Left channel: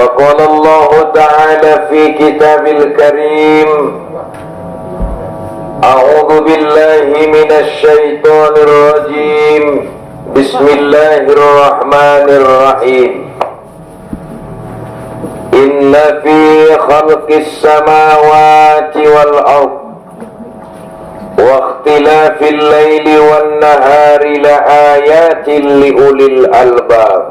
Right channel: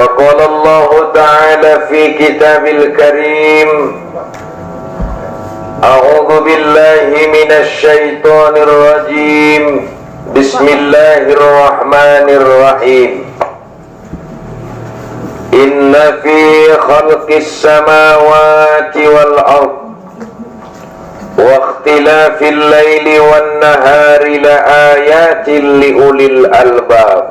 وقال الله تعالى في كتاب الكريم أعوذ بالله من الشيطان الرجيم بسم الله الرحمن الرحيم إن في خلق السماوات والأرض واختلاف الليل والنهار لآيات لأولي الألباب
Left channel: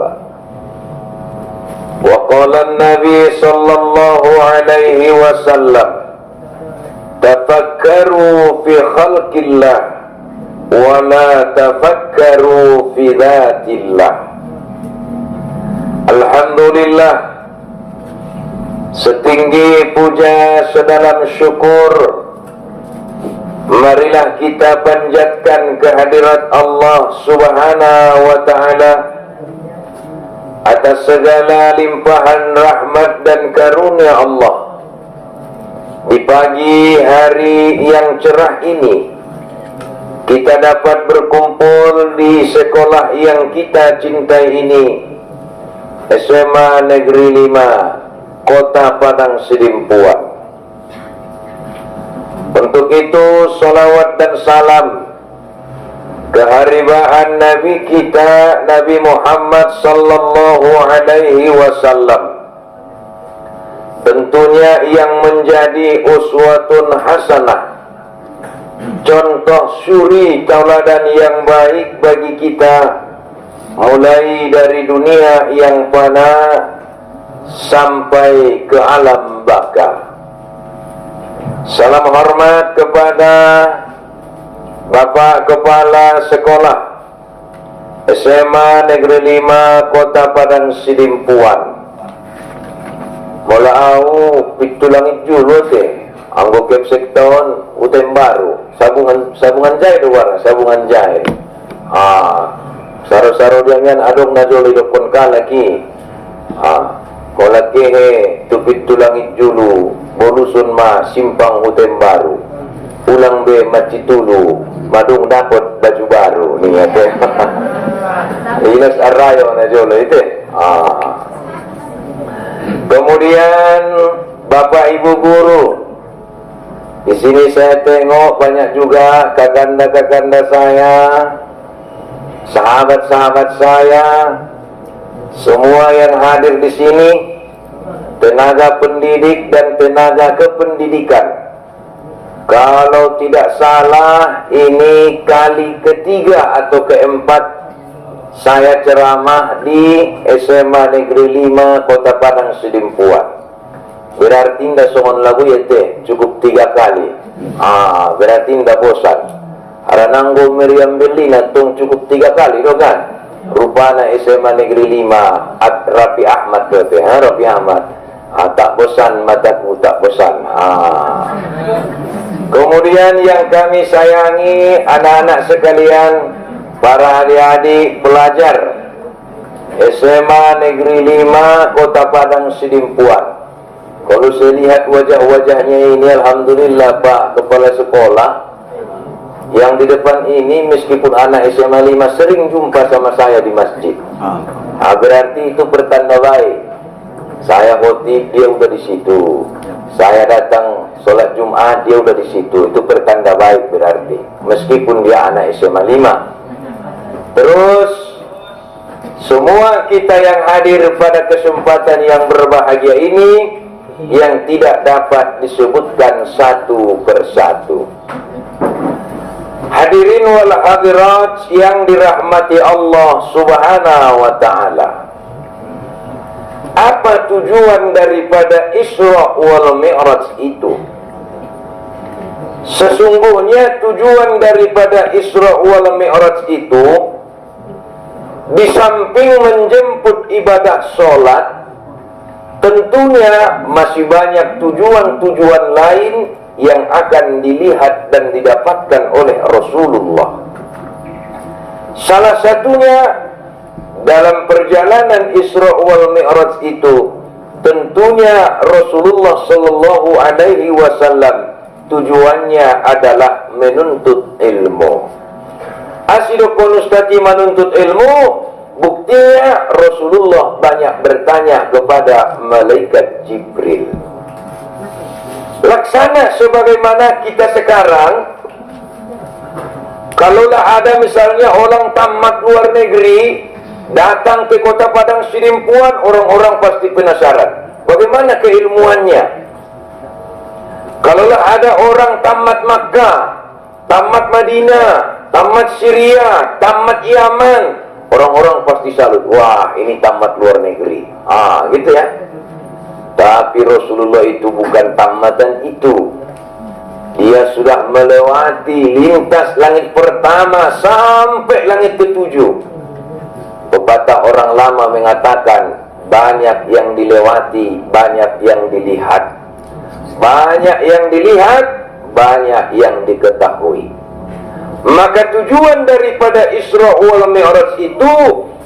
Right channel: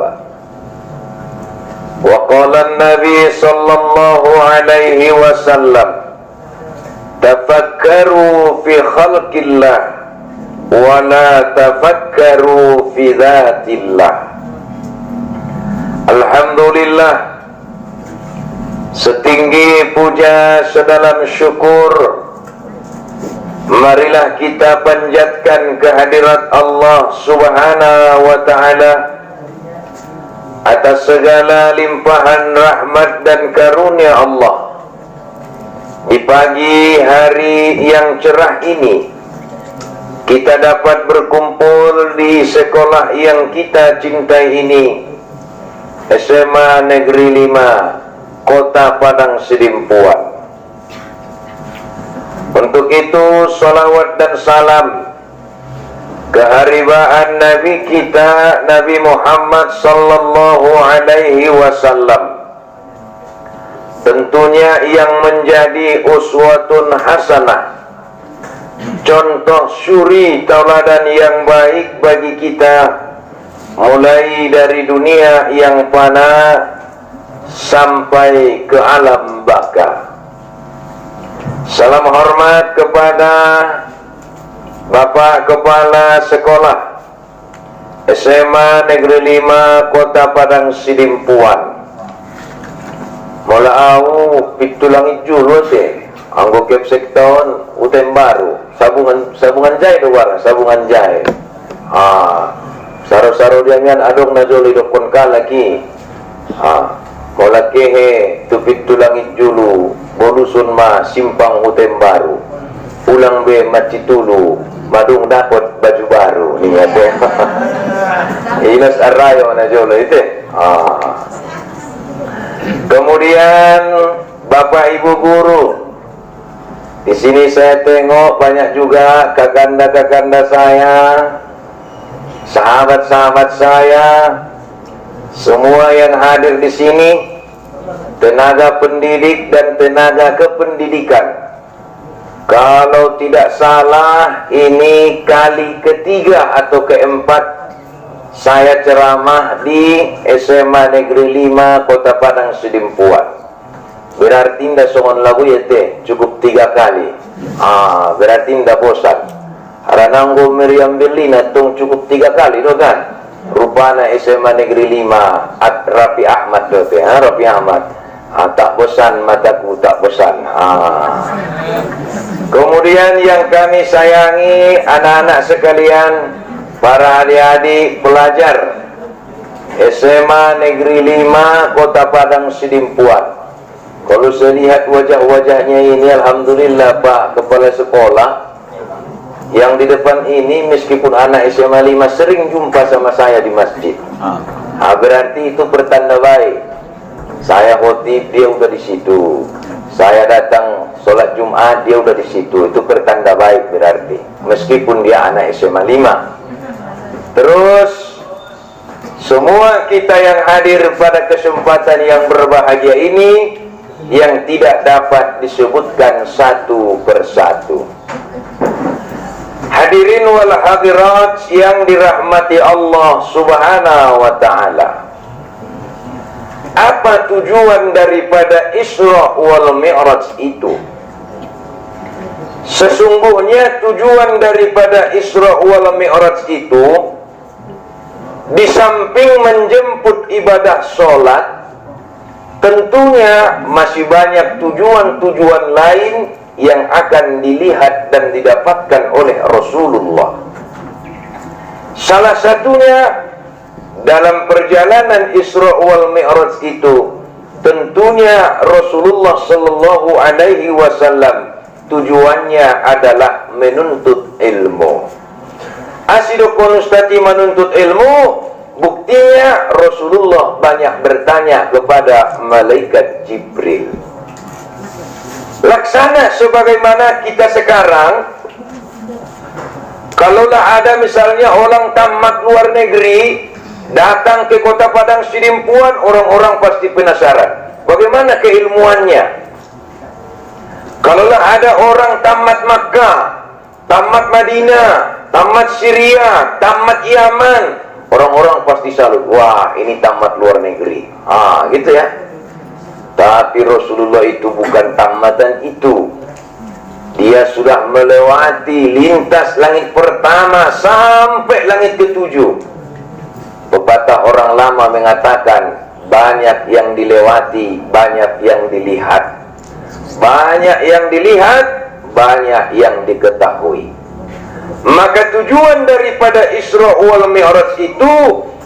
وقال النبي صلى الله عليه وسلم تفكروا في خلق الله ولا تفكروا في ذات الله. Alhamdulillah, setinggi puja sedalam syukur, marilah kita panjatkan kehadirat Allah Subhanahu wa ta'ala atas segala limpahan rahmat dan karunia Allah. Di pagi hari yang cerah ini, kita dapat berkumpul di sekolah yang kita cintai ini, SMA Negeri 5, Kota Padang Sidimpuan. Untuk itu, salawat dan salam keharibaan Nabi kita, Nabi Muhammad sallallahu alaihi wasallam, tentunya yang menjadi uswatun hasanah, contoh suri tauladan yang baik bagi kita, mulai dari dunia yang fana sampai ke alam baka. Salam hormat kepada Bapak Kepala Sekolah SMA Negeri 5 Kota Padang Sidimpuan. Mula au pitulang ijulu teh anggo kepsek tahun utem baru sabungan jahit luar sabungan jahit. Saro-saro diangan adong najoli dokon kalaki. Mula kehe tupit tulang ijulu bolusun ma simpang utem baru. Ulang be macitulu madung dapat baju baru nih ate. Inas arayo na jolo itu. Kemudian Bapak Ibu guru, di sini saya tengok banyak juga kakanda-kakanda saya, sahabat-sahabat saya, semua yang hadir di sini, tenaga pendidik dan tenaga kependidikan. Kalau tidak salah, ini kali ketiga atau keempat saya ceramah di SMA Negeri 5 Kota Padang Sidimpuan. Berarti ndak songon lagu ya teh, cukup 3 kali. Berarti ndak bosan. Harananggo Meriam Berlina tung cukup 3 kali do kan. Rupana SMA Negeri 5 Rafi Ahmad do teh, Rafi Ahmad. Tak bosan mataku tak bosan. Kemudian yang kami sayangi anak-anak sekalian, para adik-adik pelajar SMA Negeri 5 Kota Padang Sidimpuan. Kalau saya lihat wajah-wajahnya ini, alhamdulillah Pak Kepala Sekolah yang di depan ini, meskipun anak SMA 5 sering jumpa sama saya di masjid, berarti itu pertanda baik. Saya khotib, dia udah di situ. Saya datang sholat Jumat, dia udah di situ. Itu pertanda baik berarti, meskipun dia anak SMA 5. Terus semua kita yang hadir pada kesempatan yang berbahagia ini, yang tidak dapat disebutkan satu persatu. Hadirin wal hadirat yang dirahmati Allah Subhanahu wa ta'ala, apa tujuan daripada Isra wal Mi'raj itu? Sesungguhnya tujuan daripada Isra wal Mi'raj itu, di samping menjemput ibadah sholat, tentunya masih banyak tujuan-tujuan lain yang akan dilihat dan didapatkan oleh Rasulullah. Salah satunya dalam perjalanan Isra wal Mi'raj itu, tentunya Rasulullah sallallahu alaihi wasallam tujuannya adalah menuntut ilmu. Asido konustati menuntut ilmu, Buktinya Rasulullah banyak bertanya kepada malaikat Jibril. Laksana sebagaimana kita sekarang, kalaulah ada misalnya orang tamat luar negeri datang ke kota Padang Sidimpuan, orang-orang pasti penasaran bagaimana keilmuannya. Kalaulah ada orang tamat Makkah, tamat Madinah, tamat Syria, tamat Yaman, orang-orang pasti salut, wah ini tamat luar negeri. Gitu ya. Tapi Rasulullah itu bukan tamatan itu. Dia sudah melewati lintas langit pertama sampai langit ketujuh. Pepatah orang lama mengatakan, banyak yang dilewati, banyak yang dilihat. Banyak yang dilihat, banyak yang diketahui. Maka tujuan daripada Isra wal Mi'raj itu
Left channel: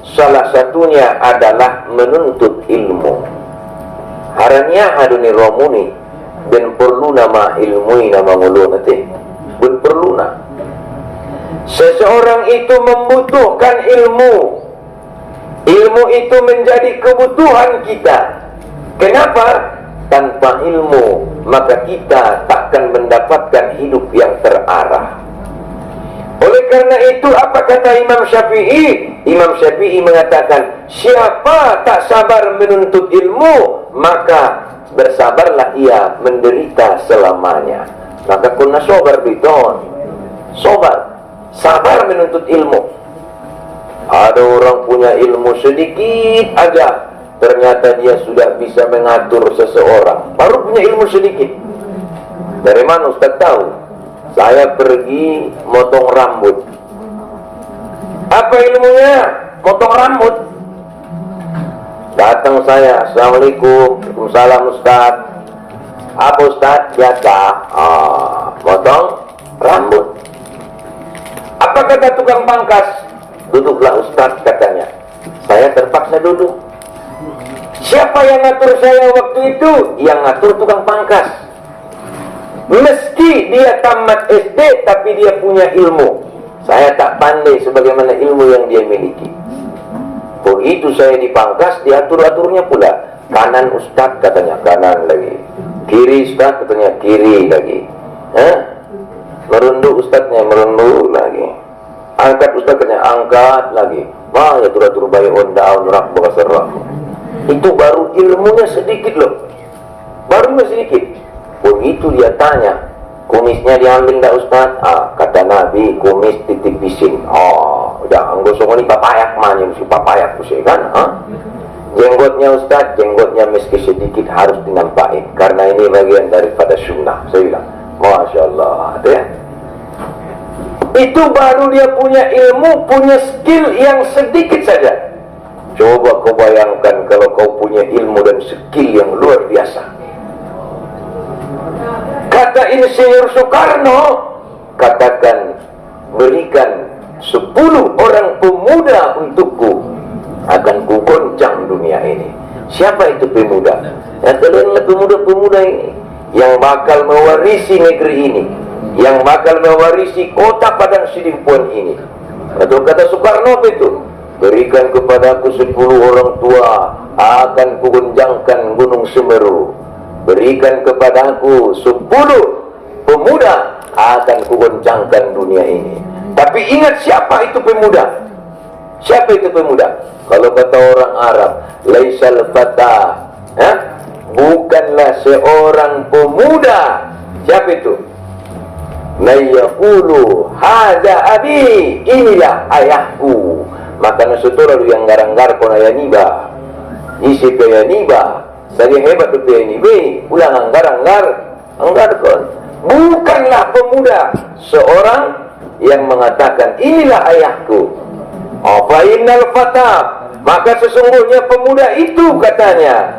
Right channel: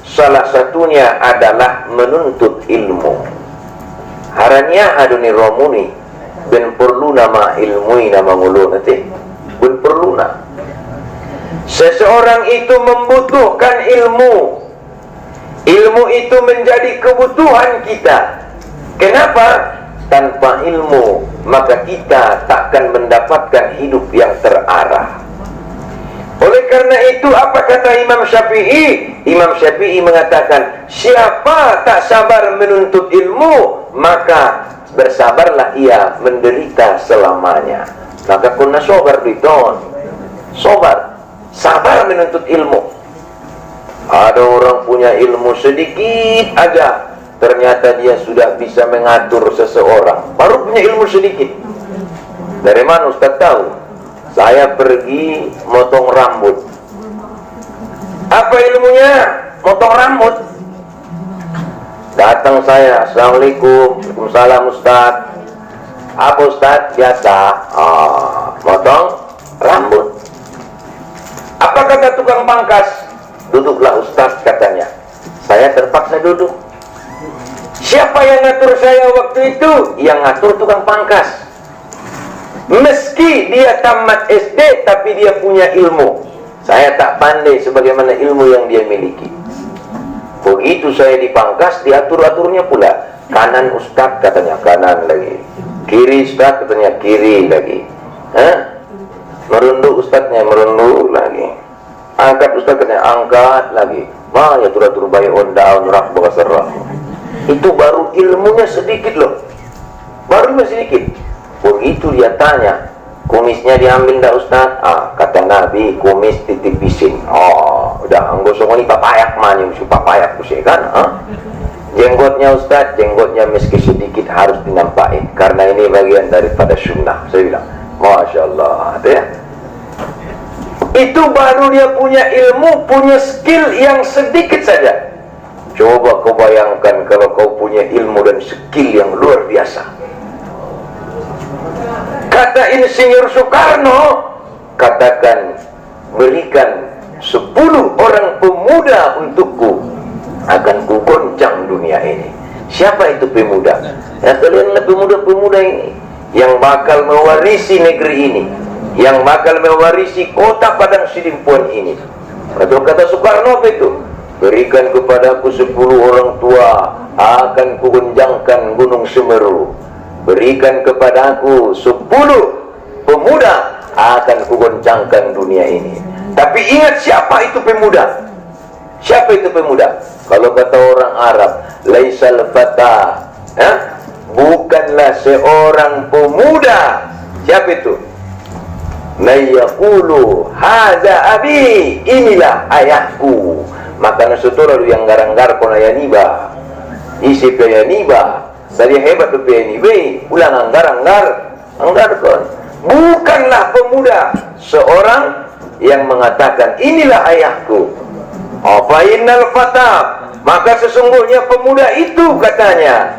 salah satunya adalah menuntut ilmu. Haranya aduni romuni ben perlu nama ilmui nama ngulu nanti ben perlu na. Seseorang itu membutuhkan ilmu. Ilmu itu menjadi kebutuhan kita. Kenapa? Tanpa ilmu maka kita takkan mendapatkan hidup yang terarah. Oleh karena itu apa kata Imam Syafi'i? Imam Syafi'i mengatakan, siapa tak sabar menuntut ilmu, maka bersabarlah ia menderita selamanya. Maka kunna sobar diton. Sobar, sabar menuntut ilmu. Ada orang punya ilmu sedikit aja, ternyata dia sudah bisa mengatur seseorang. Baru punya ilmu sedikit. Dari mana Ustaz tahu? Saya pergi motong rambut. Apa ilmunya? Motong rambut. Datang saya, Assalamualaikum, Waalaikumsalam Ustaz. Apa Ustaz? Biasa. Motong rambut. Apa kata tukang pangkas? Duduklah Ustaz, katanya. Saya terpaksa duduk. Siapa yang ngatur saya waktu itu? Yang ngatur tukang pangkas. Meski dia tamat SD, tapi dia punya ilmu. Saya tak pandai sebagaimana ilmu yang dia miliki. Begitu saya dipangkas, diatur-aturnya pula. Kanan Ustaz, katanya kanan lagi. Kiri Ustaz, katanya kiri lagi. Merunduk Ustaznya, merunduk lagi. Angkat Ustaz, katanya angkat lagi. Ya tur-tur bayi ondaun rak bakasar. Itu baru ilmunya sedikit loh. Baru sedikit. Begitu dia tanya, kumisnya diambil enggak Ustaz? Kata Nabi, kumis titipisin. Udah anggosong ini papayak manim, si papayak kusih kan? Jenggotnya Ustaz, jenggotnya meski sedikit harus dinampakin, karena ini bagian daripada sunnah. Saya bilang, Masya Allah, ya. Itu baru dia punya ilmu, punya skill yang sedikit saja. Coba kau bayangkan kalau kau punya ilmu dan skill yang luar biasa. Kata Insinyur Soekarno, katakan, berikan 10 orang pemuda untukku, akan kugoncang dunia ini. Siapa itu pemuda? Ya kalianlah pemuda-pemuda ini yang bakal mewarisi negeri ini, yang bakal mewarisi kota Padang Sidimpuan ini. Atau kata Soekarno apa itu? Berikan kepadaku 10 orang tua, akan kugoncangkan Gunung Semeru. Berikan kepadaku 10 pemuda, akan kugoncangkan dunia ini. Tapi ingat siapa itu pemuda? Siapa itu pemuda? Kalau kata orang Arab, laisal fata, bukanlah seorang pemuda. Siapa itu? La yaqulu hada abi, inilah ayahku. Maka nasutura yang garang-gar kona yaniba. Isi ke yaniba. Saya hebat tu PNIB, ulang anggar kon. Bukanlah pemuda, seorang yang mengatakan inilah ayahku. Fa'innal fata, maka sesungguhnya pemuda itu katanya,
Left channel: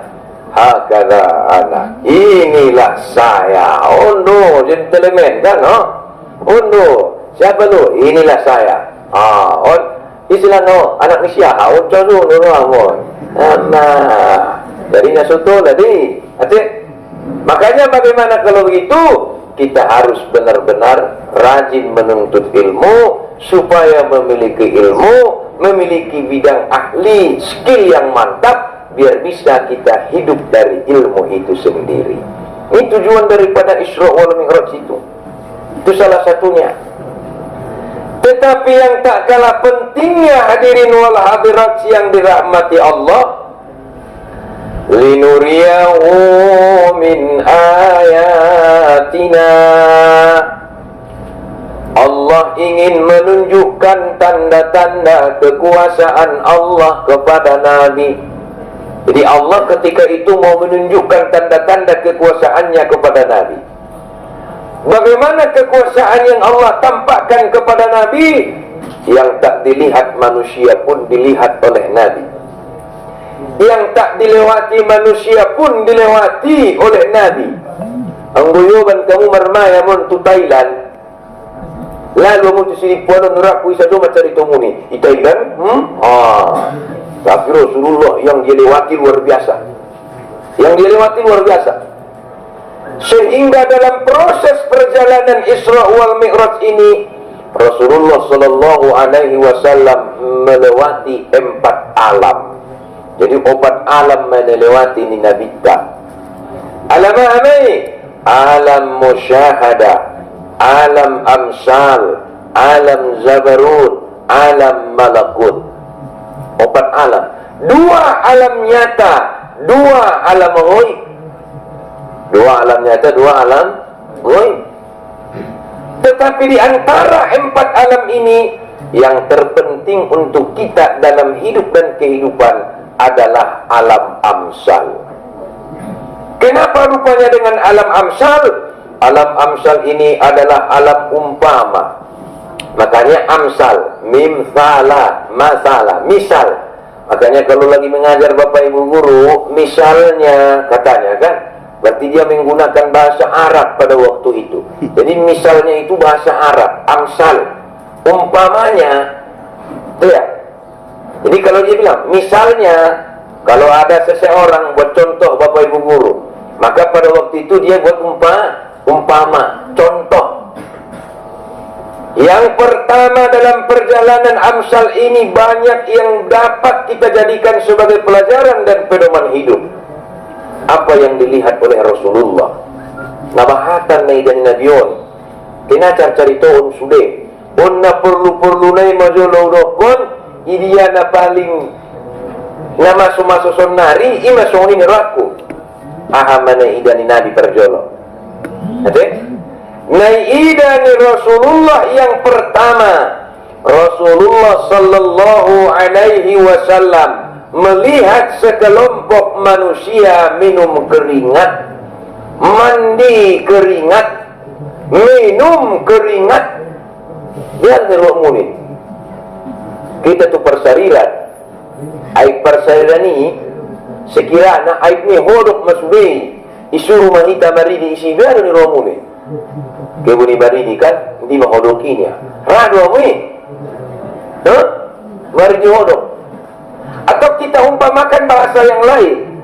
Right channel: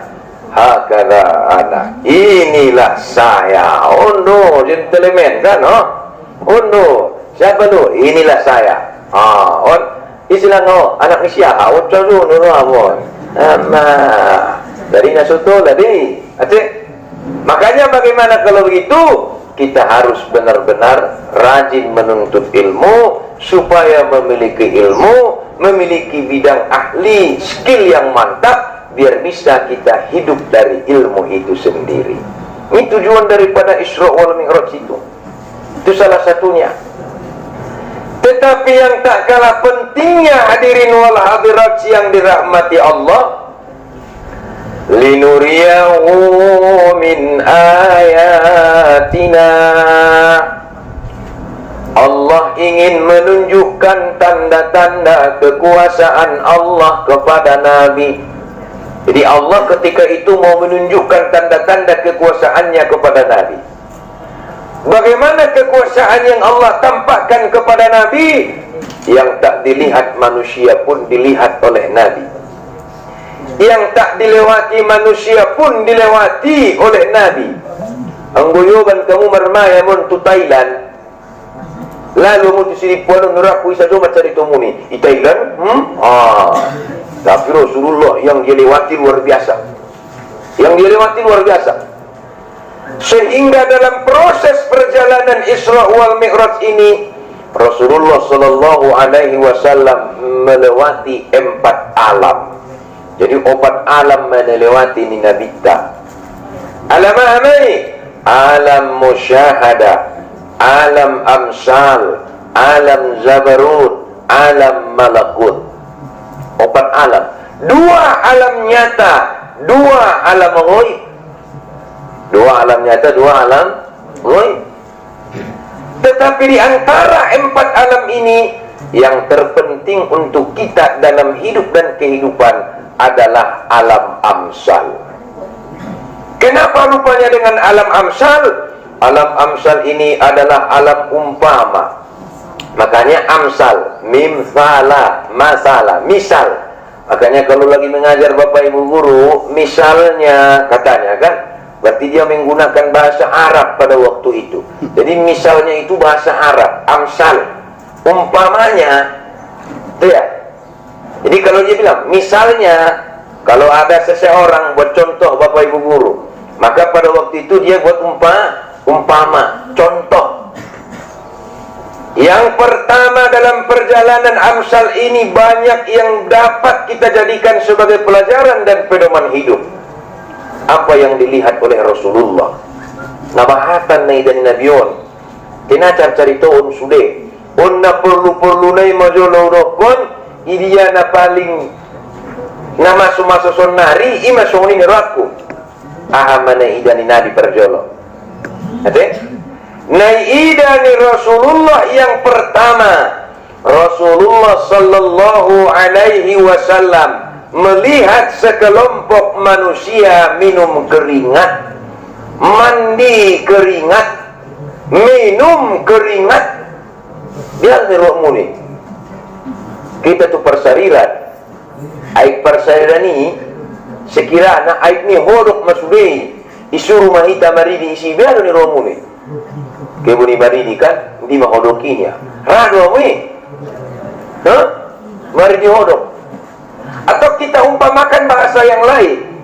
hakala anak, inilah saya. Oh no, gentleman kan? Siapa tu? Inilah saya. Istilah no, anak ni siapa? Coba ni ramon. Dari nasuto tadi, makanya bagaimana kalau begitu? Kita harus benar-benar rajin menuntut ilmu supaya memiliki ilmu, memiliki bidang ahli, skill yang mantap, biar bisa kita hidup dari ilmu itu sendiri. Ini tujuan daripada Isra wal Mi'raj itu. Itu salah satunya. Tetapi yang tak kalah pentingnya hadirin wal hadirat yang dirahmati Allah, linuriyahu min ayatina. Allah ingin menunjukkan tanda-tanda kekuasaan Allah kepada Nabi. Jadi Allah ketika itu mau menunjukkan tanda-tanda kekuasaannya kepada Nabi. Bagaimana kekuasaan yang Allah tampakkan kepada Nabi? Yang tak dilihat manusia pun dilihat oleh Nabi. Yang tak dilewati manusia pun dilewati oleh Nabi. Anggoyoban kamu marmaya mon tu Thailand. Lalu mu di sini puan nuraku isa cuma cari temuni di Thailand. Tapi Rasulullah yang dia lewati luar biasa. Yang dia lewati luar biasa. Sehingga dalam proses perjalanan Isra wal Mi'raj ini, Rasulullah sallallahu alaihi wasallam melewati 4 alam. Jadi 4 alam melewati ni Nabi kita. Alam apa? Alam musyahadah, alam amsal, alam zabarut, alam malakut. 4 alam. 2 alam nyata, 2 alam ghaib. 2 alam nyata, 2 alam ghaib. Tetapi di antara 4 alam ini, yang terpenting untuk kita dalam hidup dan kehidupan adalah alam amsal. Kenapa rupanya dengan alam amsal? Alam amsal ini adalah alam umpama. Makanya amsal, mim, salah, masalah, misal. Makanya kalau lagi mengajar Bapak Ibu guru, misalnya katanya kan, berarti dia menggunakan bahasa Arab pada waktu itu. Jadi misalnya itu bahasa Arab, amsal. Umpamanya, itu ya. Jadi kalau dia bilang, misalnya, kalau ada seseorang buat contoh Bapak Ibu guru, maka pada waktu itu dia buat umpama, contoh. Yang pertama dalam perjalanan amsal ini banyak yang dapat kita jadikan sebagai pelajaran dan pedoman hidup. Apa yang dilihat oleh Rasulullah? Nabahatan na idan nabiyon. Tinacar caritoon sude. Unna perlu nai majolorokon. Idiya na paling na maso-maso sonari ima songoni neraku. Ahama na idan ni nabi perjolo. Ate? Naida ni Rasulullah yang pertama, Rasulullah sallallahu alaihi wasallam melihat sekelompok manusia minum keringat, mandi keringat, minum keringat. Dia ngerok muni. Kita tu persariran. Aib persariran ni sekiranya aib ni hodok masudai isuruh mahita maridi isi biar ni romuni. Kebuni baridi kan di mahodokinya. Rado mui. Mari dihodok. Atau kita umpamakan bahasa yang lain.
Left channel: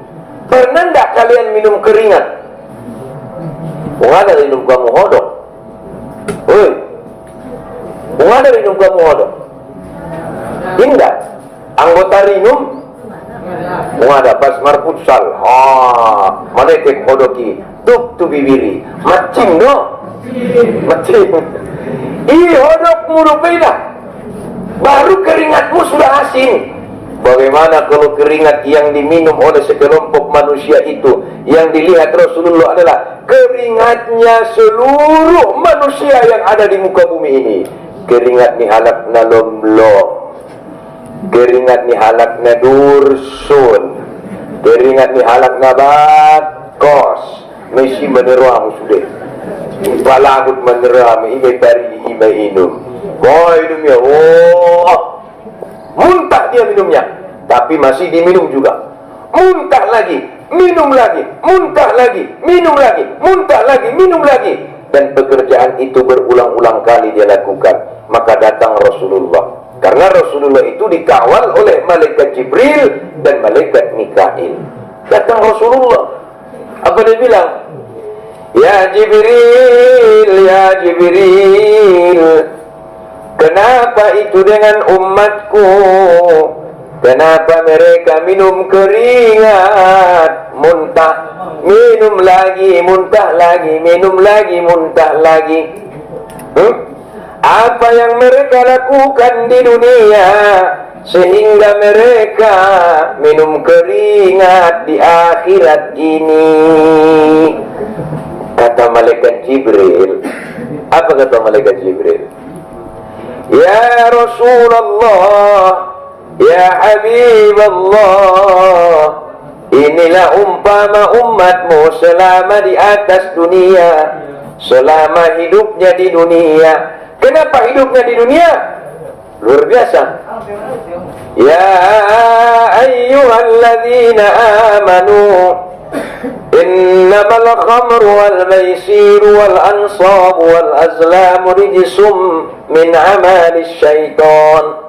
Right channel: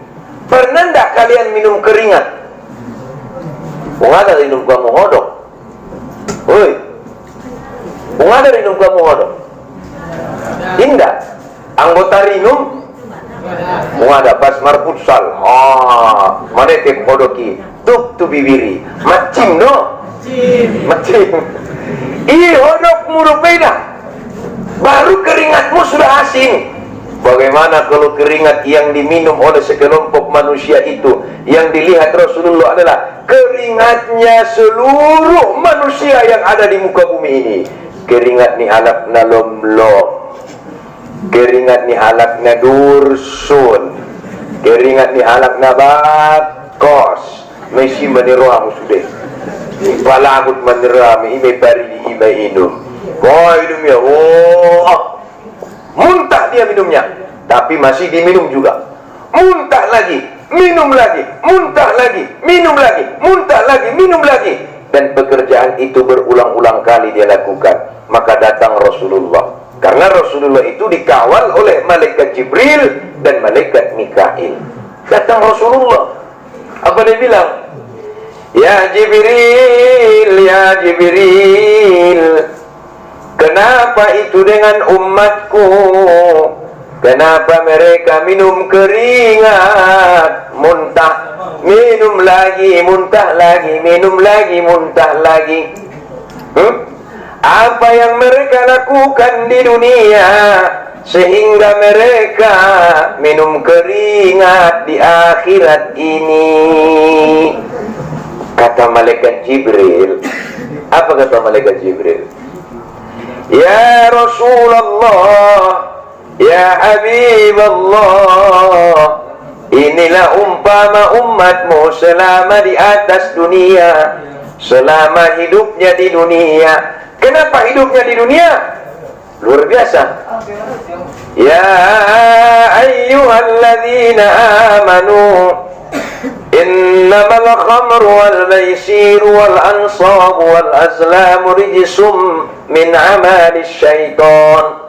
Pernah enggak kalian minum keringat? Ada minum kamu hodok. Woi. Ada minum kamu hodok. Tidak. Anggota minum ada pas marputsal. Mana tep hodoki. Tuk tu bibiri. Macim no. Macam hodok murupena. Baru keringatmu sudah asin. Bagaimana kalau keringat yang diminum oleh sekelompok manusia itu, yang dilihat Rasulullah adalah keringatnya seluruh manusia yang ada di muka bumi ini. Keringat ni halakna lomlom, keringat ni halakna dursun, keringat ni halakna bakos. Mesti meneruamu sudah. Palabut menerami imai bari imai inum. Hidupnya muntah dia minumnya, tapi masih diminum juga. Muntah lagi, minum lagi, muntah lagi, minum lagi, muntah lagi, minum lagi. Dan pekerjaan itu berulang-ulang kali dia lakukan. Maka datang Rasulullah. Karena Rasulullah itu dikawal oleh malaikat Jibril dan malaikat Mikail. Datang Rasulullah. Apa dia bilang? Ya Jibril, Kenapa itu dengan umatku? Kenapa mereka minum keringat, muntah, minum lagi, muntah lagi, minum lagi, muntah lagi? Apa yang mereka lakukan di dunia sehingga mereka minum keringat di akhirat ini? Kata malaikat Jibril. Apa kata malaikat Jibril? Ya Rasulullah, ya Habiballah, inilah umpama umatmu selama di atas dunia, selama hidupnya di dunia. Kenapa hidupnya di dunia? Luar biasa. Ya ayyuhalladzina amanu, innamal khamru wal maisiru wal ansabu wal azlamu rijsum min amali syaitan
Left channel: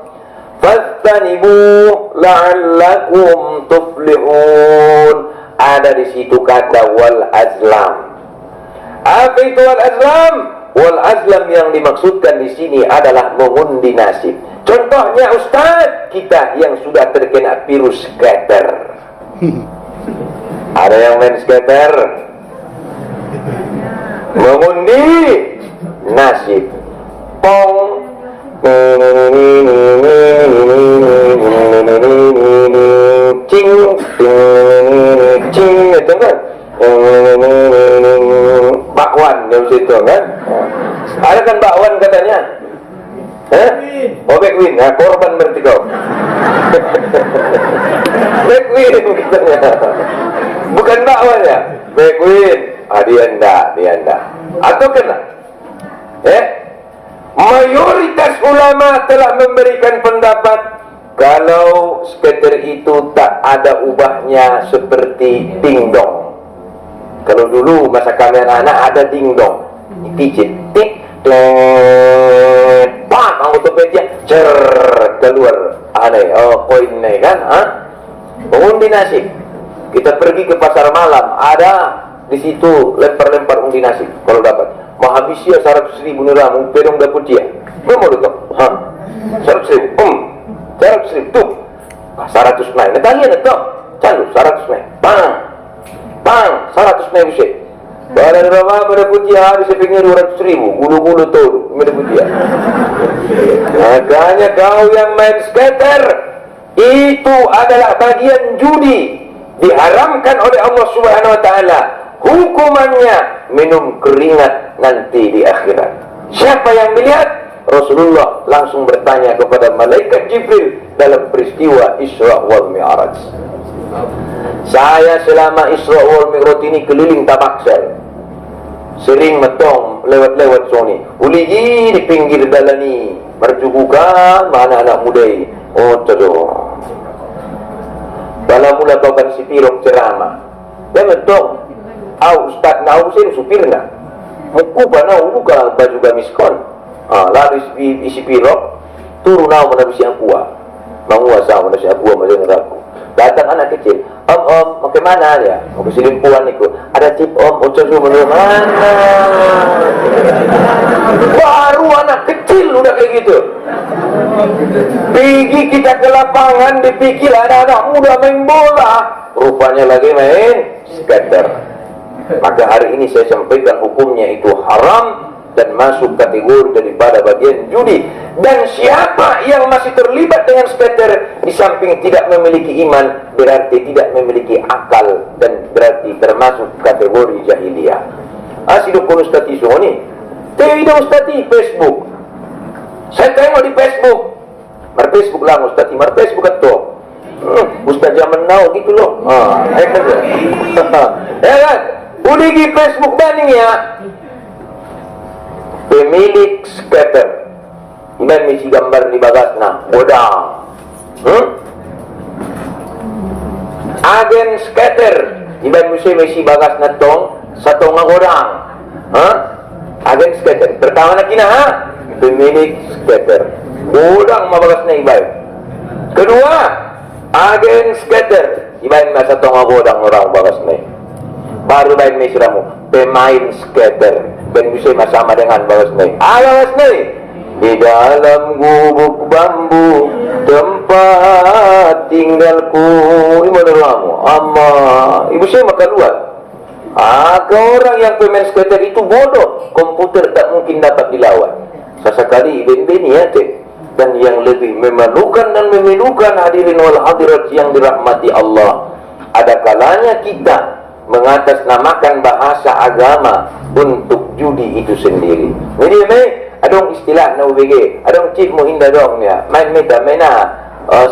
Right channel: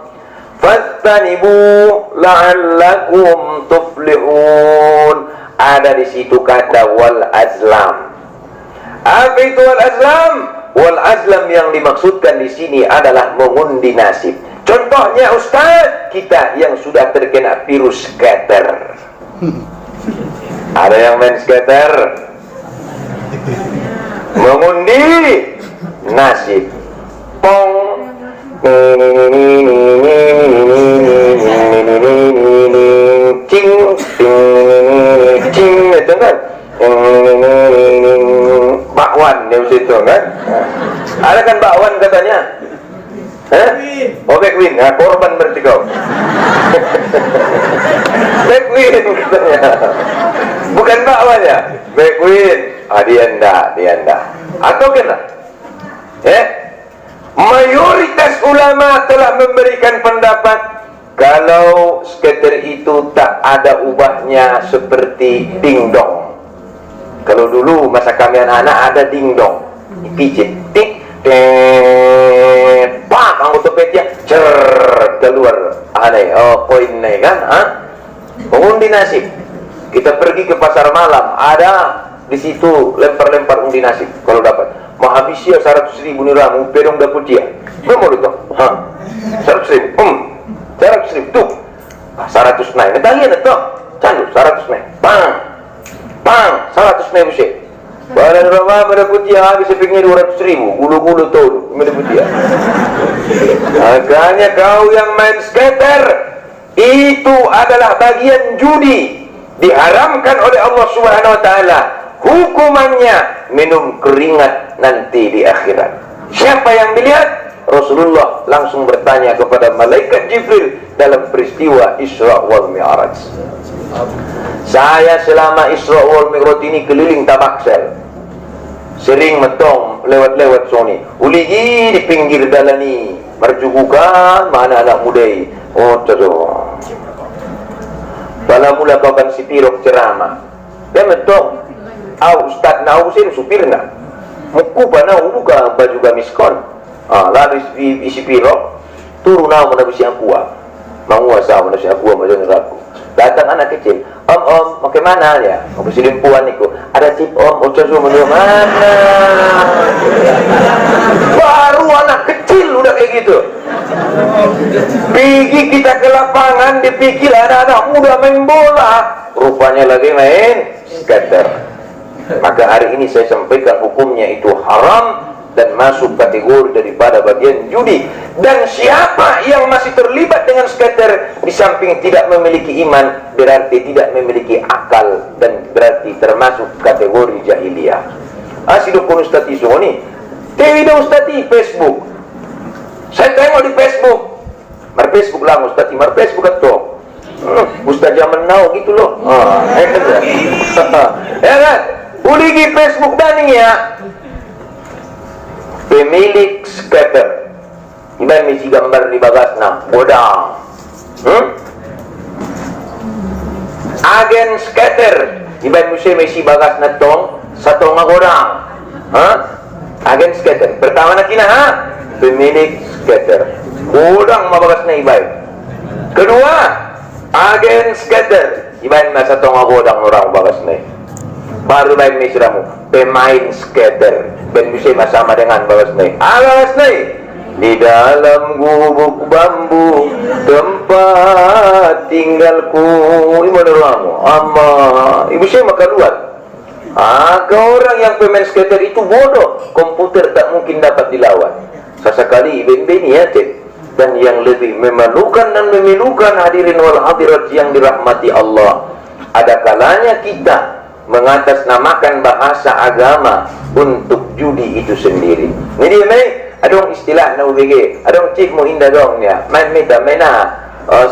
fastanibu la'allakum tuflihun. Ada di situ kata wal azlam. Apa itu wal azlam? Wal azlam yang dimaksudkan di sini adalah mengundi nasib. Contohnya Ustaz, kita yang sudah terkena virus skater. Ada yang main skater, mengundi nasib. Pong, cing, cing, itu kan? Bakwan di situ kan? Ada kan bakwan katanya? Oh, Backwin, nah, korban berarti kau. Backwin katanya. Bukan bakwan ya? Backwin. Dia enggak. Atau kena? Mayoritas ulama telah memberikan pendapat kalau skater itu tak ada ubahnya seperti dingdong. Kalau dulu masa kami anak ada dingdong, pijit, tik, pak, autopedia, keluar, aneh, poin nih kan, mengundi nasib. Kita pergi ke pasar malam, ada di situ lempar-lempar undi nasib. Kalau dapat, menghabisnya 100.000 nih ramu, pedong dapur dia. Kamu mau itu? 100.000, 100.000 tuh, 100 naik. Netalian itu, candu 100 naik, bang, 100 naik busik. Pada rumah pada putih habis sepingnya 200.000, gulu-gulu tuh, pada putih. Makanya kau yang main skater itu adalah bagian judi, diharamkan oleh Allah Subhanahu Wa Taala. Hukumannya minum keringat nanti di akhirat. Siapa yang melihat? Rasulullah langsung bertanya kepada malaikat Jibril dalam peristiwa Isra wal Mi'raj. Saya selama Isra wal Mi'raj ini keliling Tabaksel, sering metong lewat-lewat sini. Uligi di pinggir dalani, merjugukan mana anak muda. Oh jodoh. Bala mula kau kan si pirok ceramah. Dia metong. Ustaz nau sih supirna. Muku panau buka baju gamiskon. Lalu isi pirok turun nau mana bisi aqua. Manguasa mana si aqua macam aku. Datang anak kecil, om, makai mana ya? Mau ke Silimpuan niku. Ada tip om, ucap mana? Baru anak kecil udah kayak gitu. Pergi kita ke lapangan, dipikir ada anak muda main bola, rupanya lagi main skater. Maka hari ini saya sampaikan hukumnya itu haram dan masuk kategori daripada bagian judi. Dan siapa yang masih terlibat dengan skater di samping tidak memiliki iman, berarti tidak memiliki akal dan berarti termasuk kategori jahiliyah. Asidukun ustati soni tewi do ustati Facebook. Saya tengok di Facebook. Mar Facebook lah ustati, mar Facebook atau ustaz zaman now gitu loh. Ya kan? Uligi Facebook daning ya. Pemilik skater iban misi gambar di bagasna bodang. Agen skater iban misi bagasna tong satu ngagodang. Agen skater pertama na kina pemilik skater bodang mabagasna iban. Kedua agen skater iban masa tong ngagodang orang bagasna. Baru baik ni siramu pemain skater ben bisa bersama dengan bagas ni. Bagas ni di dalam gubuk bambu tempat tinggalku. Ibu kamu, amma ibu saya makan luar. Orang yang pemain skater itu bodoh, komputer tak mungkin dapat dilawan. Sesekali ben-beni ya teh. Dan yang lebih memalukan dan memilukan hadirin wal hadirat yang dirahmati Allah, ada kalanya kita mengatasnamakan bahasa agama untuk judi itu sendiri. Ini mai adong istilah na ubg, adong cip mo hinda dong ya, main meta mena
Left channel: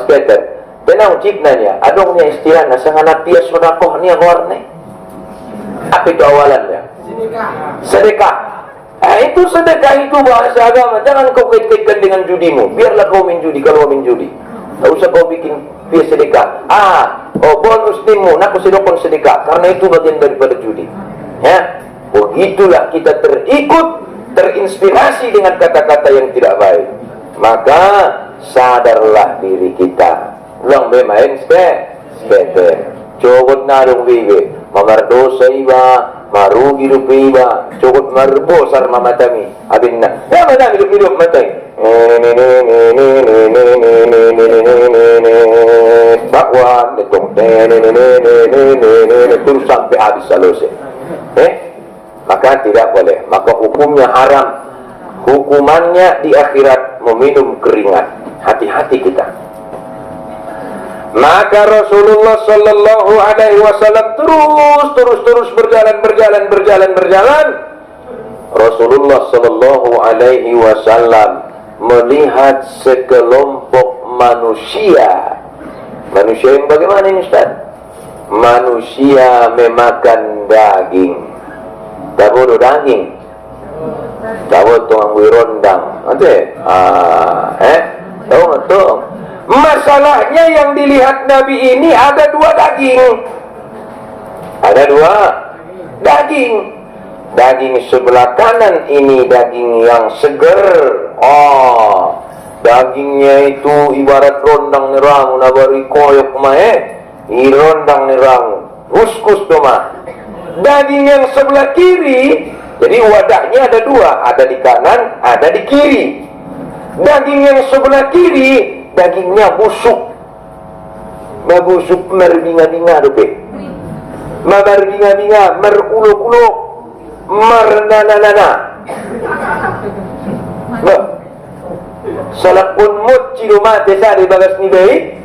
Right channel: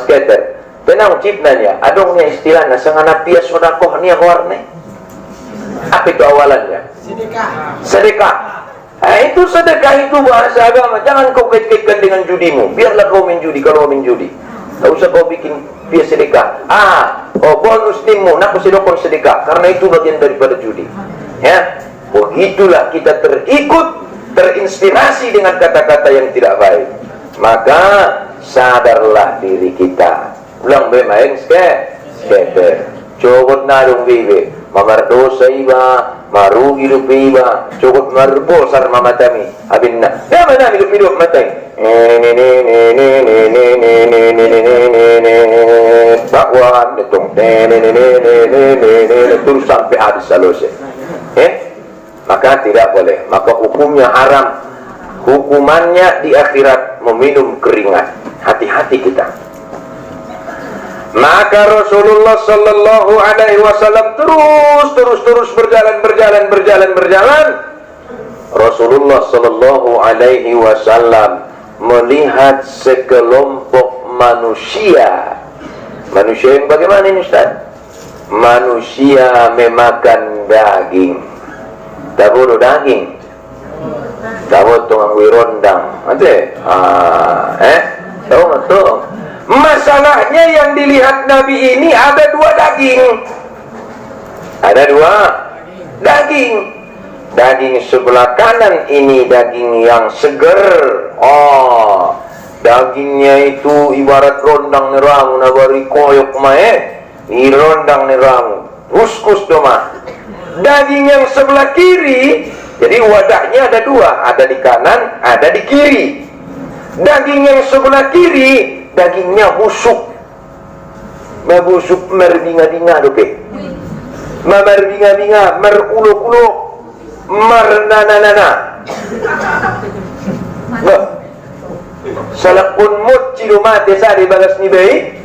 skater. Tenang cip nanya, adong nya istilah na sangana pia sodakoh nia warne. Apa itu awalannya? Sedekah. Itu sedekah, itu bahasa agama. Jangan kau kait-kaitkan dengan judimu. Biarlah kau main judi kalau main judi. Tak usah kau bikin pia sedekah. Bonus timmu, nak sedekah sedekah. Karena itu bagian daripada judi. Ya, begitulah kita terinspirasi dengan kata-kata yang tidak baik. Maka sadarlah diri kita. Ulang main skater. Cogot nadong bibe. Mamar dosa iba, marugi hidup iba, cukup marbosar mamatami. Abin na, nama na hidup matay. Bakwan, itong terus sampai habis selesai. Maka tidak boleh. Maka hukumnya haram. Hukumannya di akhirat meminum keringat. Hati-hati kita. Maka Rasulullah sallallahu alaihi wasallam terus berjalan. Rasulullah sallallahu alaihi wasallam melihat sekelompok manusia. Manusia yang bagaimana ini Ustaz? Manusia memakan daging. Tahu daging? Tahu tukang wirondang. Ante? Tahu betul. Masalahnya yang dilihat Nabi ini ada dua daging. Ada dua daging. Daging sebelah kanan ini daging yang seger. Dagingnya itu ibarat rondang neramu nabari koyok mae. Rondang neramu. Huskus doma. Daging yang sebelah kiri, jadi wadahnya ada dua, ada di kanan, ada di kiri. Daging yang sebelah kiri dagingnya busuk, mabusuk merbinga-binga dope, marbinga-binga, meruluk-uluk, mernana-nana. Salakun mut cilumate sari bagas ni baik,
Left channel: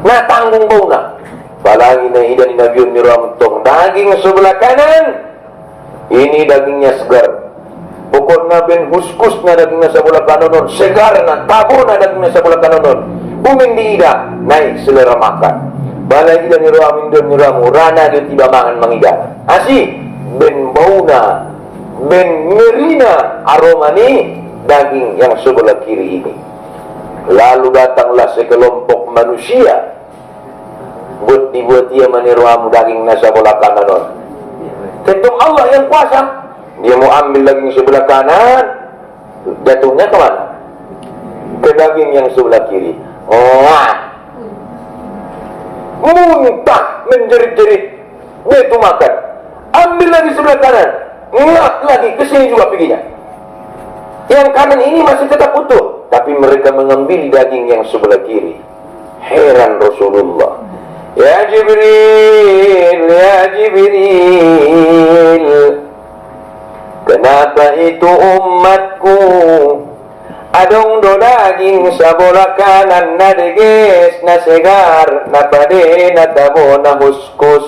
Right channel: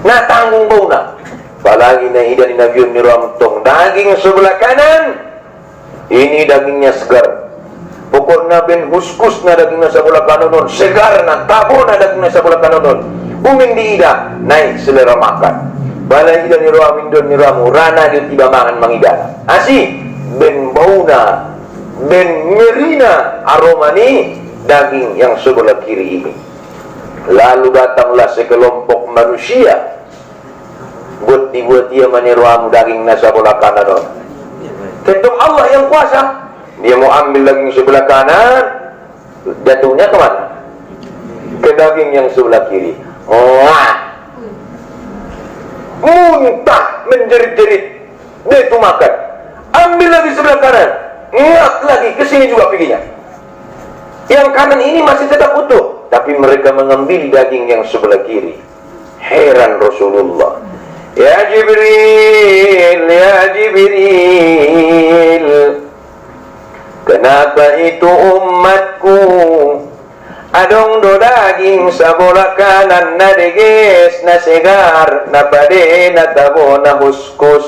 na tanggung bau na. Palagi na idan inabiyon ni Ramtong, daging sebelah kanan, ini dagingnya segar. Pokoknya ben huskus na daging na sa bola kanonon, segar na tabo na daging na sa bola kanonon. Uming di ida, naik selera makan. Balai ida ni roa mindon ni ramu, rana dia tiba mangan mangigana. Asi ben bauna, ben ngerina aroma ni daging yang sebelah kiri ini. Lalu datanglah sekelompok manusia, buat ia maniruamu daging na sa bola kanonon. Tentu Allah yang kuasa. Dia mau ambil daging sebelah kanan, jatuhnya ke mana? Ke daging yang sebelah kiri. Muntah, menjerit-jerit. Dia itu makan. Ambil lagi sebelah kanan, ngap lagi, ke sini juga perginya. Yang kanan ini masih tetap utuh, tapi mereka mengambil daging yang sebelah kiri. Heran Rasulullah. Ya Jibril, kenapa itu umatku adong do daging sa bola kanan na deges na segar na pade na tabo na huskus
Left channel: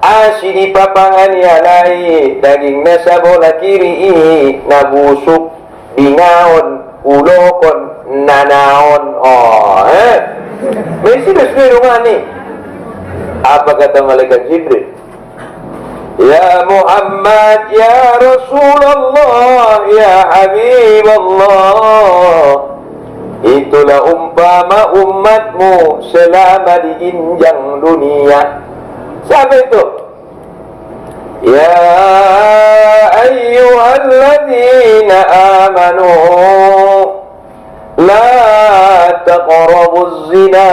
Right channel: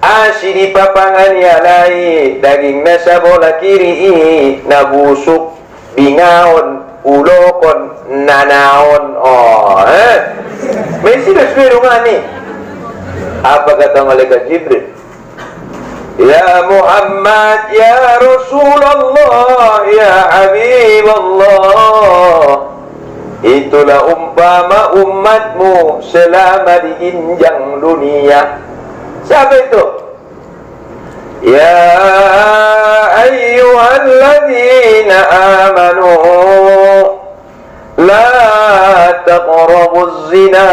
asi di papangan yalai daging na sa bola kiri na busuk bingaon ulokon nanaon. Mesti dah sudah ni. Apa kata malaikat Jibril? Ya Muhammad, ya Rasulullah, ya Habiballah, itulah umpama umatmu selama di injang dunia. Siapa itu? Ya ayyuhalladzina amanu la taqrabuz zina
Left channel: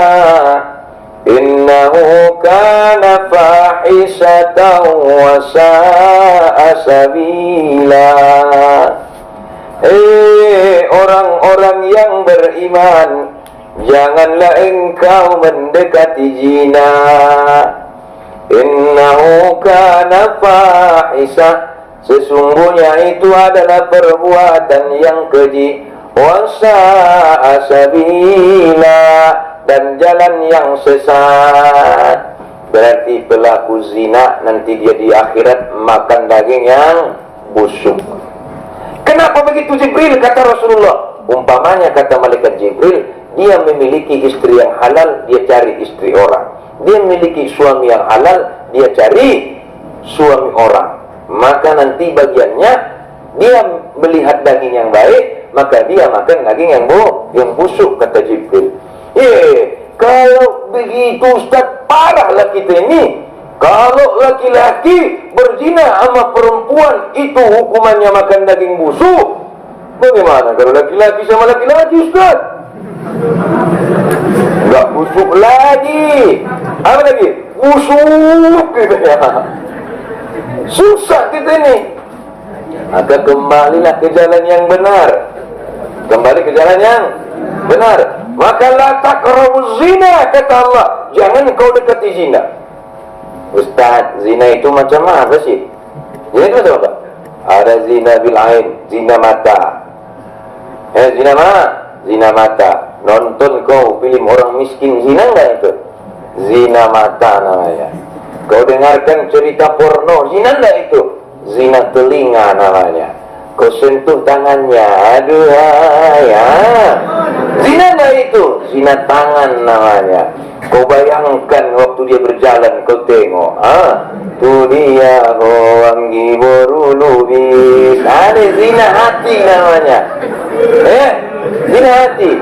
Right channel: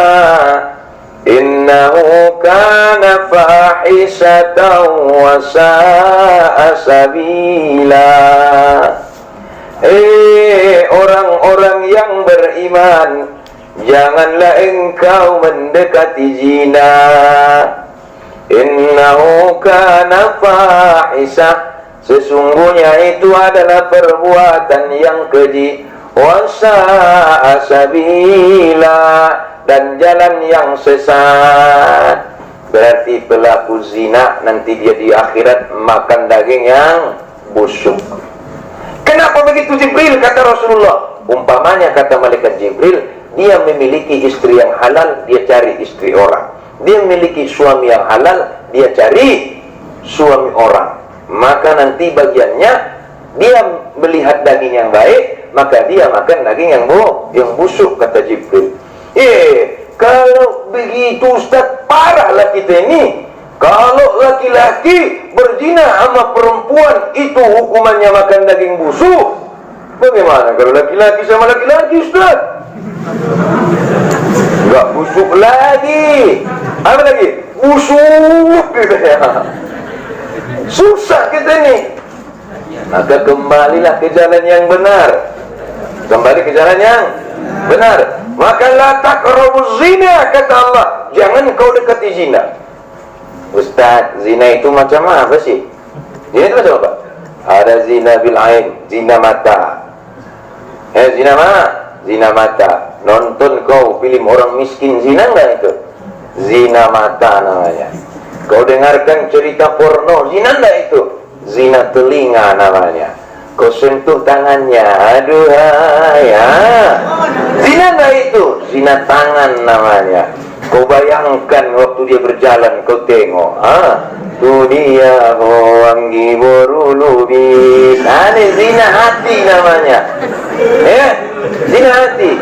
innahu kana fahishatan wa sa'a sabila. Orang-orang yang beriman, janganlah engkau mendekati zina. Innahu kana fahisah, sesungguhnya itu adalah perbuatan yang keji. Wasa'a sabila, dan jalan yang sesat. Berarti pelaku zina nanti dia di akhirat makan daging yang busuk. Kenapa begitu Jibril? Kata Rasulullah, umpamanya kata malaikat Jibril, dia memiliki istri yang halal, dia cari istri orang. Dia memiliki suami yang halal, dia cari suami orang. Maka nanti bagiannya, dia melihat daging yang baik, maka dia makan daging yang busuk, kata Jibril. Kalau begitu Ustaz, parahlah kita ini. Kalau laki-laki berzina sama perempuan, itu hukumannya makan daging busuk. Bagaimana kalau laki-laki sama laki-laki, Ustaz? Enggak busuk lagi. Apa lagi? Busuk gitu ya. Susah kita ini. Maka kembalilah ke jalan yang benar. Kembali ke jalan yang benar. Maka la taqrabuz zina, kata Allah, jangan kau dekati zina. Ustaz, zina itu macam apa sih? Zina itu macam apa? Ada zina bil ain, zina mata. Zina mata. Nonton kau film orang miskin, zina enggak itu? Zina mata namanya. Kau dengarkan cerita porno, zina enggak itu? Zina telinga namanya. Kau sentuh tangannya, aduhai, zina enggak itu? Zina tangan namanya. Kau bayangkan waktu dia berjalan, kau tengok, tu dia wangi borulubi. Ini zina hati namanya. Zina hati.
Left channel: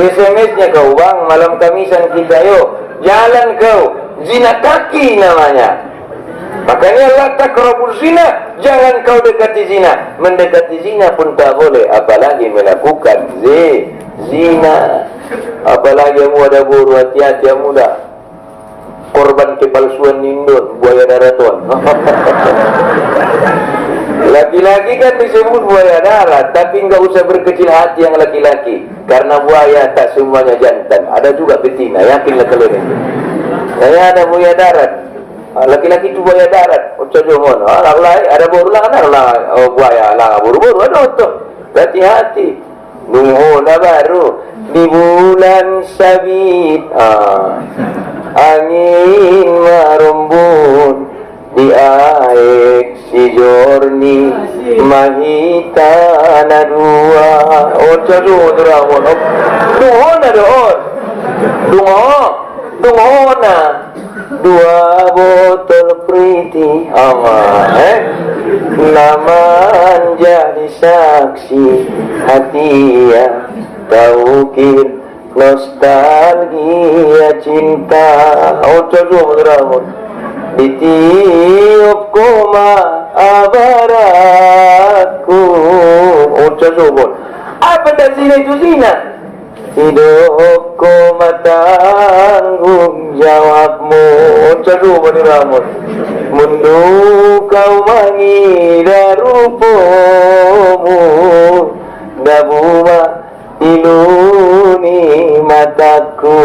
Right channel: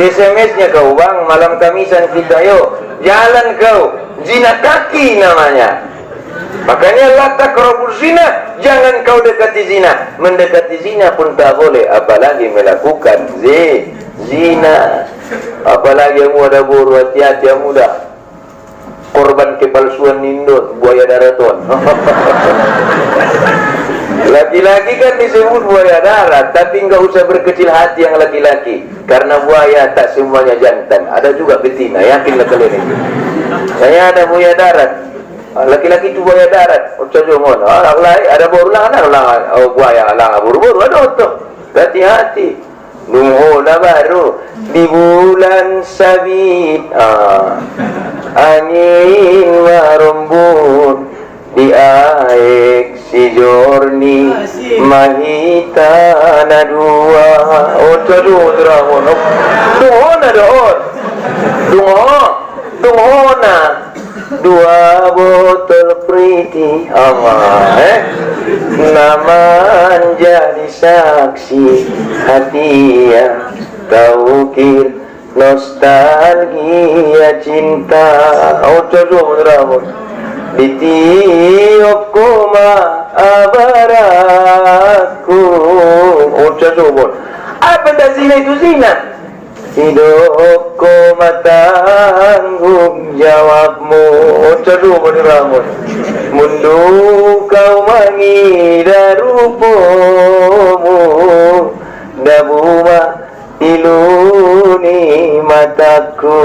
SMS-nya kau, bang, malam Kamisan kita yuk jalan kau. Zina kaki namanya. Makanya la taqrabuz zina, jangan kau dekati zina. Mendekati zina pun tak boleh, apalagi melakukan zina. Apalagi kamu ada buru, hati-hati yang muda. Korban kepalsuan nindut, buaya daraton. Laki-laki kan disebut buaya darat, tapi enggak usah berkecil hati yang laki-laki, karena buaya tak semuanya jantan, ada juga betina, yakinlah kalian ini. Saya ada buaya darat. Laki-laki itu buaya darat. Ocojomon. Ada buru lah kan? Buaya lah buru-buru ada tuh. Hati-hati. Nunghola baru di bulan sabit. Angin marumbun di aek si jorni mahita na dua. Ocojomon. Nunghola doon. Dunghona. Dua botol pretty naman jadi saksi hati yang kau kir nostalgia cinta. Ditiup koma abaraku. Apa dah zina itu zina? Hidupku matanggung jawabmu. Mundu kau mengira rupamu, dabuma iluni mataku.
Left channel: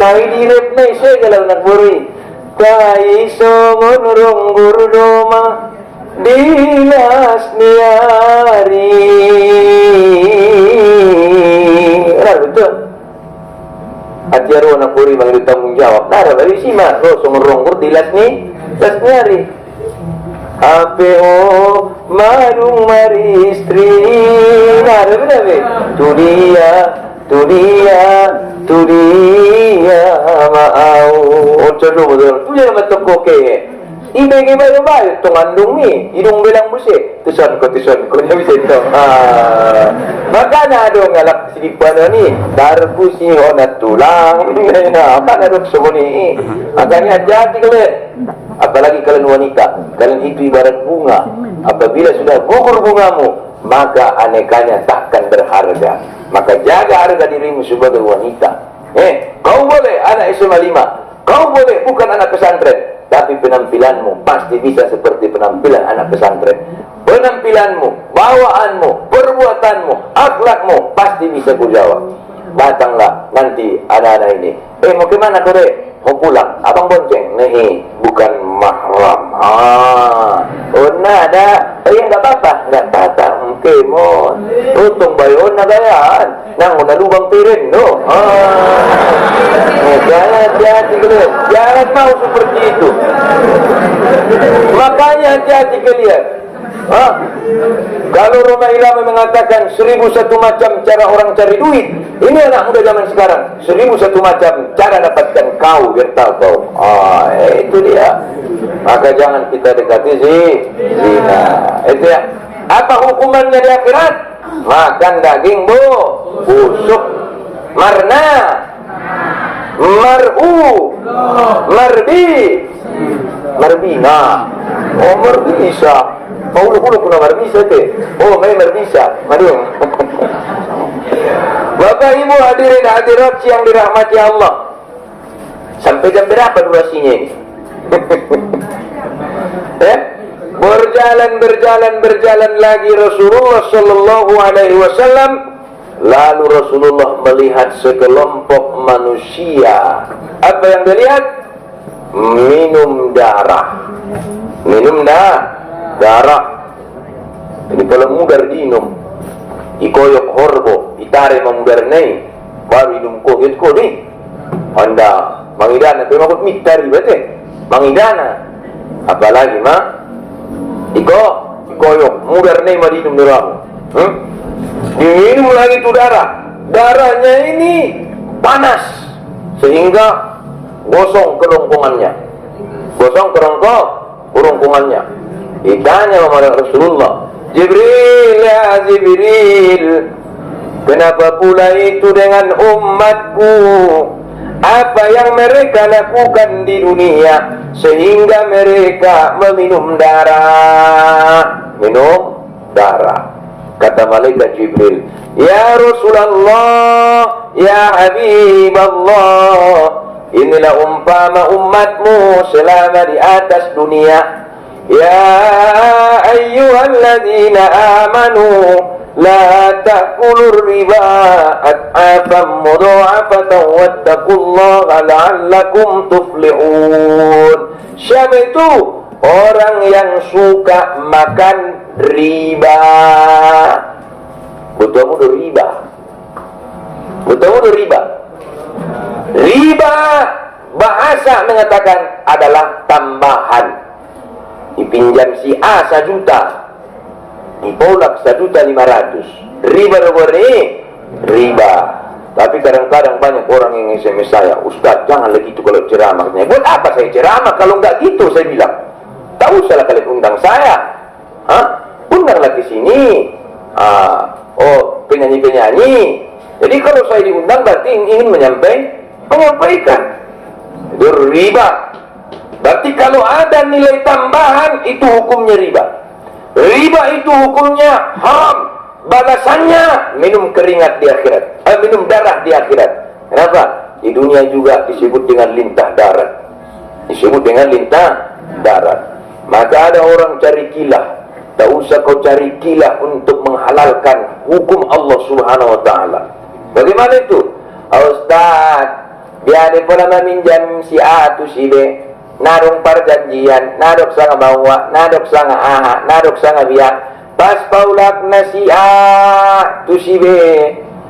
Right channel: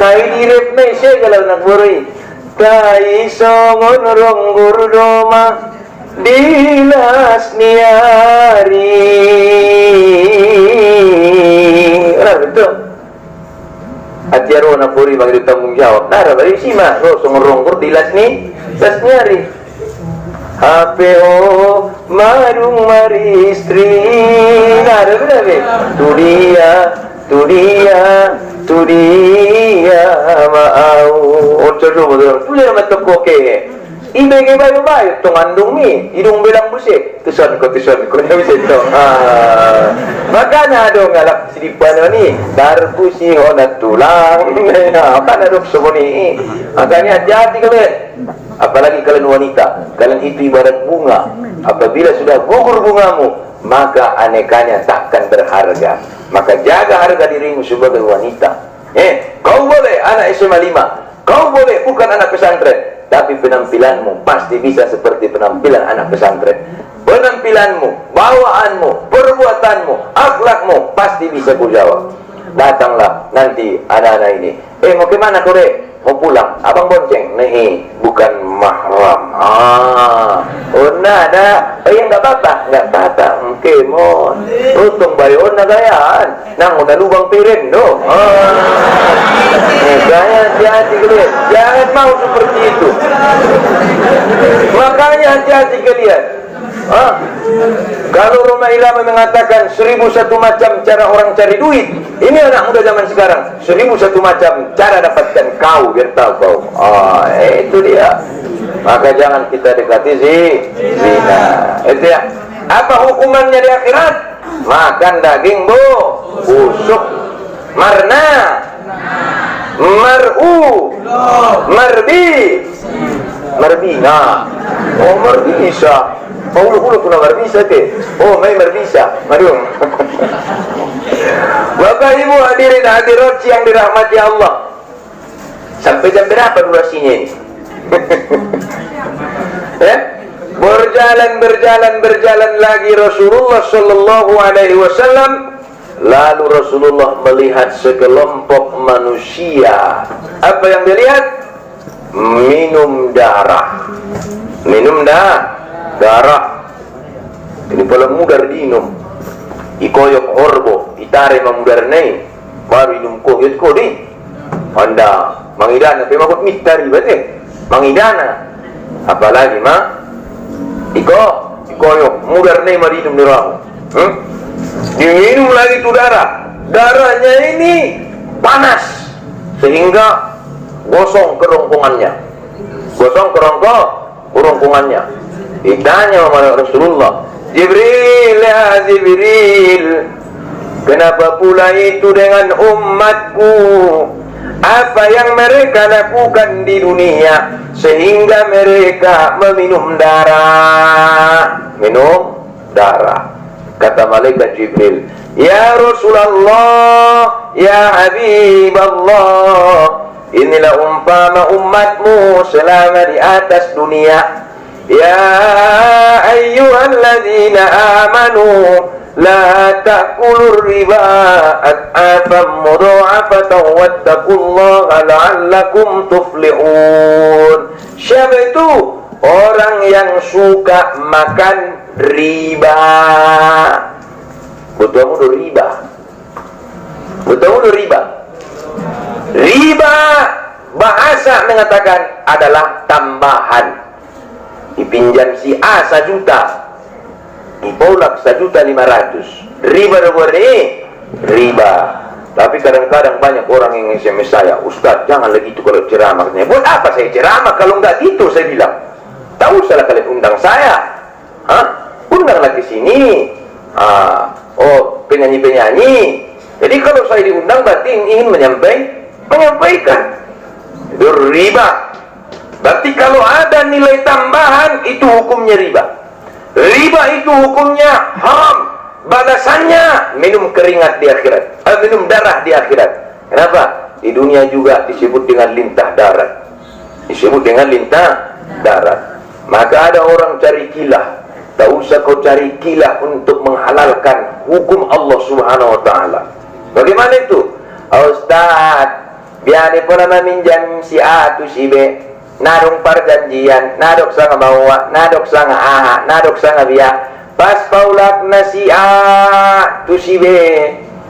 Tai direp na siya kalau nagburi. Tai songon ronggur doma dinas niari. Betul. Atiaro na puri bagi tanggung jawab. Nara bagi sima. Lo sumurongkur dilas ni las nyari. HPO marung mari istri. Nara berapa? Tu dia mau. Coba betul. Punya mata koke. Ibigay bayo-bayo, tungandong mi, idong bilang busik, tuson ko, niya bisa ito. Maka na dong alak silipan ni, darpusi o na tulang, apa na dong sumuni. Makanya hati-hati kalian, apalagi kalian wanita, kalian itu ibarat bunga, apabila sudah gugur bungamu, maka anekanya takkan berharga. Maka jaga harga dirimu sebagai wanita. Kau boleh anak SMA 5, kau boleh bukan anak pesantren, tapi penampilanmu pasti bisa seperti penampilan anak pesantren. penampilanmu, bawaanmu, perbuatanmu, akhlakmu, pasti bisa ku jawab. Datanglah nanti anak-anak ini. Mau kemana kau dek? Mau pulang? Abang bonceng? Nih, bukan mahram. Nah ada. Enggak apa-apa, enggak apa-apa. Oke, mau untung bayon na gayaan. Nang udah lubang piring, no. Jangan hati-hati kalian. Jangan mau seperti itu. Makanya hati-hati kalian. Kalau Roma Irama mengatakan 1001 macam cara orang cari duit, ini anak muda zaman sekarang 1001 macam cara dapatkan kau, biar tahu kau. Itu dia. Maka jangan kita dekati zina. Itu ya. Apa hukumannya di akhirat? Makan daging busuk, marna, mar'u, marbi, marbina. Marbisa. Paulo kuna marbisa ke? May marbisa. Aduh. Bapak Ibu hadirin hadirat yang dirahmati Allah. Sampai jam berapa durasinya ini? Berjalan lagi Rasulullah sallallahu alaihi wasallam. Lalu Rasulullah melihat sekelompok manusia. Apa yang dia lihat? Minum darah. Darah. Ini pala mudar dinom. Ikoyok horbo, itare mamudar nai. Baru inum kohit ko di. Anda mangidana, pero makut mitari bete. Mangidana. Apalagi ikoyok mudar nai marinum niramu. Diminum lagi itu darah. Darahnya ini panas sehingga gosong kerongkongannya. Kerongkongannya. Ditanya sama Rasulullah, Jibril, ya Jibril, kenapa pula itu dengan umatku? Apa yang mereka lakukan di dunia sehingga mereka meminum darah? Kata malaikat Jibril, ya Rasulullah, ya Habiballah, inilah umpama umatmu selama di atas dunia. Ya ayyuhalladzina amanu la ta'kulur riba ad'afan mudha'afatan wattaqullaha la'allakum tuflihun. Siapa itu? Orang yang suka makan riba. Betul riba. Riba bahasa mengatakan adalah tambahan. Dipinjam si A 1 juta, dipolak 1.500.000. Riba riba. Tapi kadang-kadang banyak orang yang SMS saya, Ustaz jangan lagi itu kalau ceramah. Buat apa saya ceramah kalau nggak gitu? Saya bilang, tak usahlah kalian undang saya. Undanglah ke sini. Penyanyi-penyanyi. Jadi kalau saya diundang berarti ingin menyampaikan. Itu riba. Berarti kalau ada nilai tambahan, itu hukumnya riba. Riba itu hukumnya haram. Balasannya minum keringat di akhirat, minum darah di akhirat. Kenapa? Di dunia juga disebut dengan lintah darat. Maka ada orang cari kilah. Tak usah kau cari kilah untuk menghalalkan hukum Allah Subhanahu wa Ta'ala. Bagaimana itu? Ustaz, biar pun minjam si A tu si B. Narung perjanjian, nadok sanga bawa, nadok sanga aha, nadok sanga biak. Pas paulak na si A, tu si B,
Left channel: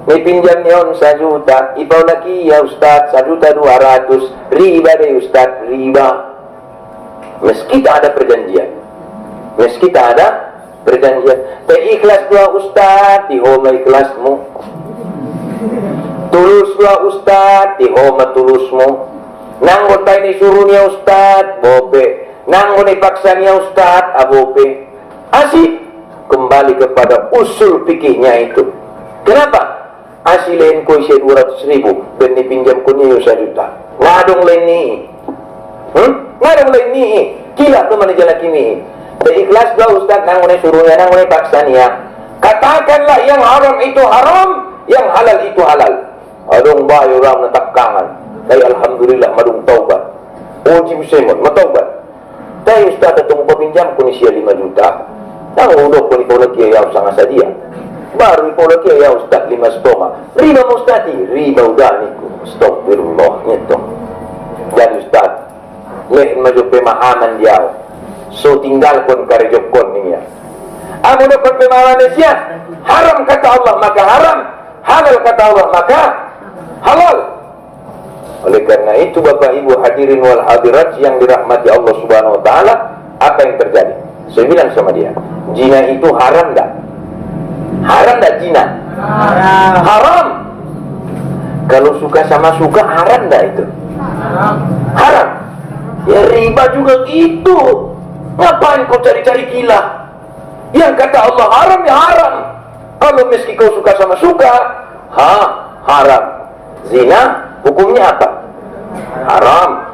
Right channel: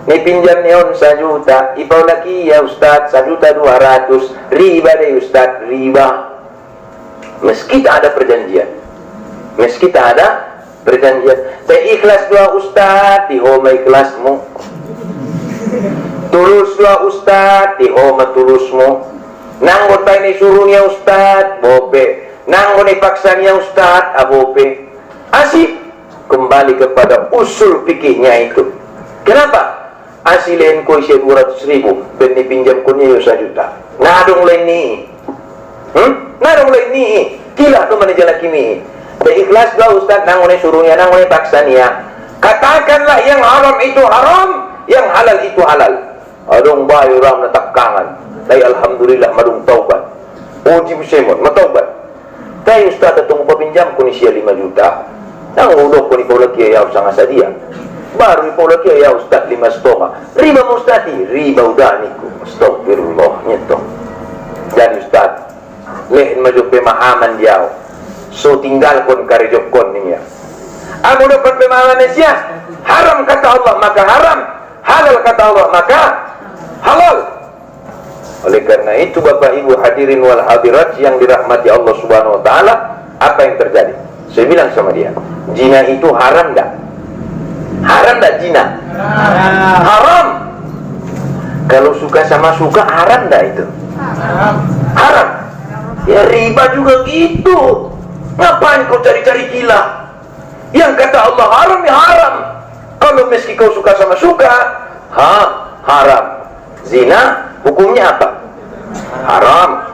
ni pinjam neon 1 juta, ipaulaki ya Ustaz 1.200.000, riba deh Ustaz, riba. Meski tak ada perjanjian, saya ikhlas dua Ustaz, dihoma ikhlasmu. Tulus dua Ustaz, dihoma tulusmu. Nanggo tayo ni suruhnya Ustaz, bope. Nanggo ni paksanya Ustaz, abope. Asik. Kembali kepada usul fikihnya itu. Kenapa? Asilin ko isi 200.000, ben pinjam ko niyo 1 juta. Nadong lain ni. Kila to man jala kimi. Ikhlas lah Ustaz, nanggo ni suruhnya, nanggo ni paksanya. Katakanlah yang haram itu haram, yang halal itu halal. Adong bayo ram na takkangan. Tay alhamdulillah madung taubat. Uji busemon, mataubat. Tay Ustaz atong papinjam ko ni siya 5 juta. Nang udah ko ikaw lagi ayaw sa nga sa dia. Baru ikaw lagi ayaw ustad 5 stoma. Riba mo ustadi, riba udah niku. Astagfirullah nito. Jadi ustad, lehen maju pemahaman dia. So tinggal kon karejok kon niya. Amo dapat pemahaman Mesias, haram kata Allah maka haram, halal kata Allah maka halal. Oleh karena itu Bapak Ibu hadirin wal hadirat yang dirahmati Allah Subhanahu wa taala, apa yang terjadi? Saya bilang sama dia, zina itu haram enggak? Haram enggak zina? Haram. Haram. Kalau suka sama suka haram enggak itu? Haram. Haram. Ya riba juga gitu. Ngapain kau cari-cari gila? Yang kata Allah haram ya haram. Kalau meski kau suka sama suka, haram. Zina hukumnya apa? Haram.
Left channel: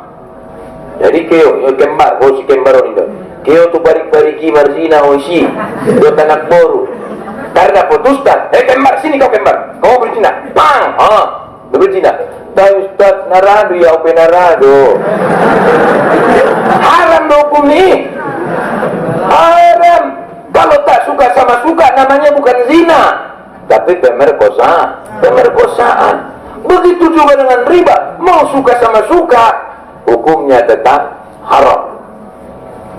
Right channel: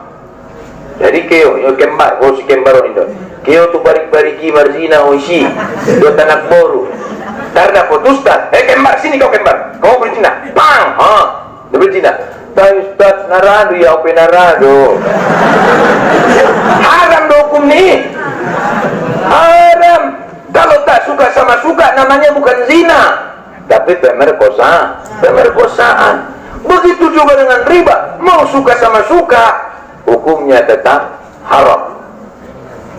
Jadi keo yo kembar, kau si kembaron itu. Keo tu barik-bariki marzina oishi. Do tanak boru. Karena putus tak. Kembar sini kau kembar. Kau berzina. Bang. Dia berzina. Tapi Ustaz narado ya ope narado. Haram do hukum ni. Haram. Kalau tak suka sama suka namanya bukan zina, tapi pemerkosaan. Begitu juga dengan riba, mau suka sama suka, hukumnya tetap haram.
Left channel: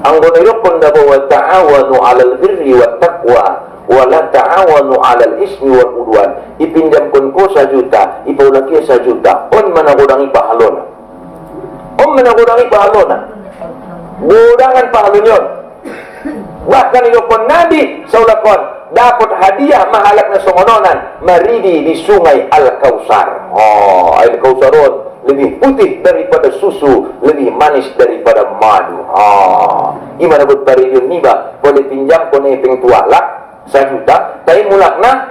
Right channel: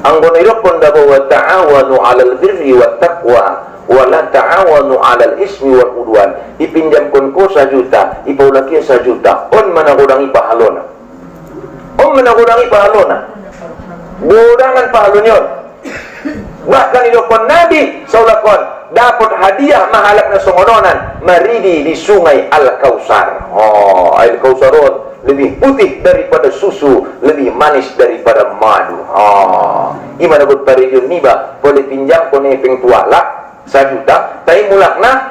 Anggona irokon dabo wa ta'awanu 'alal birri wat taqwa wa la ta'awanu 'alal ismi wal udwan. Ipinjam kon ko 1 juta, ipaw laki 1 juta. On managudangi pahalona. On managudangi pahalona. Gudangan pahalon yon. Bahkan irokon Nabi saulakon dapat hadiah mahalak na songononan maridi di sungai Al-Kausar. Air Kausaron lebih putih daripada susu, lebih manis daripada madu. Gimana buat parijun niba boleh pinjam kone peng tuala 1 juta, tapi mulakna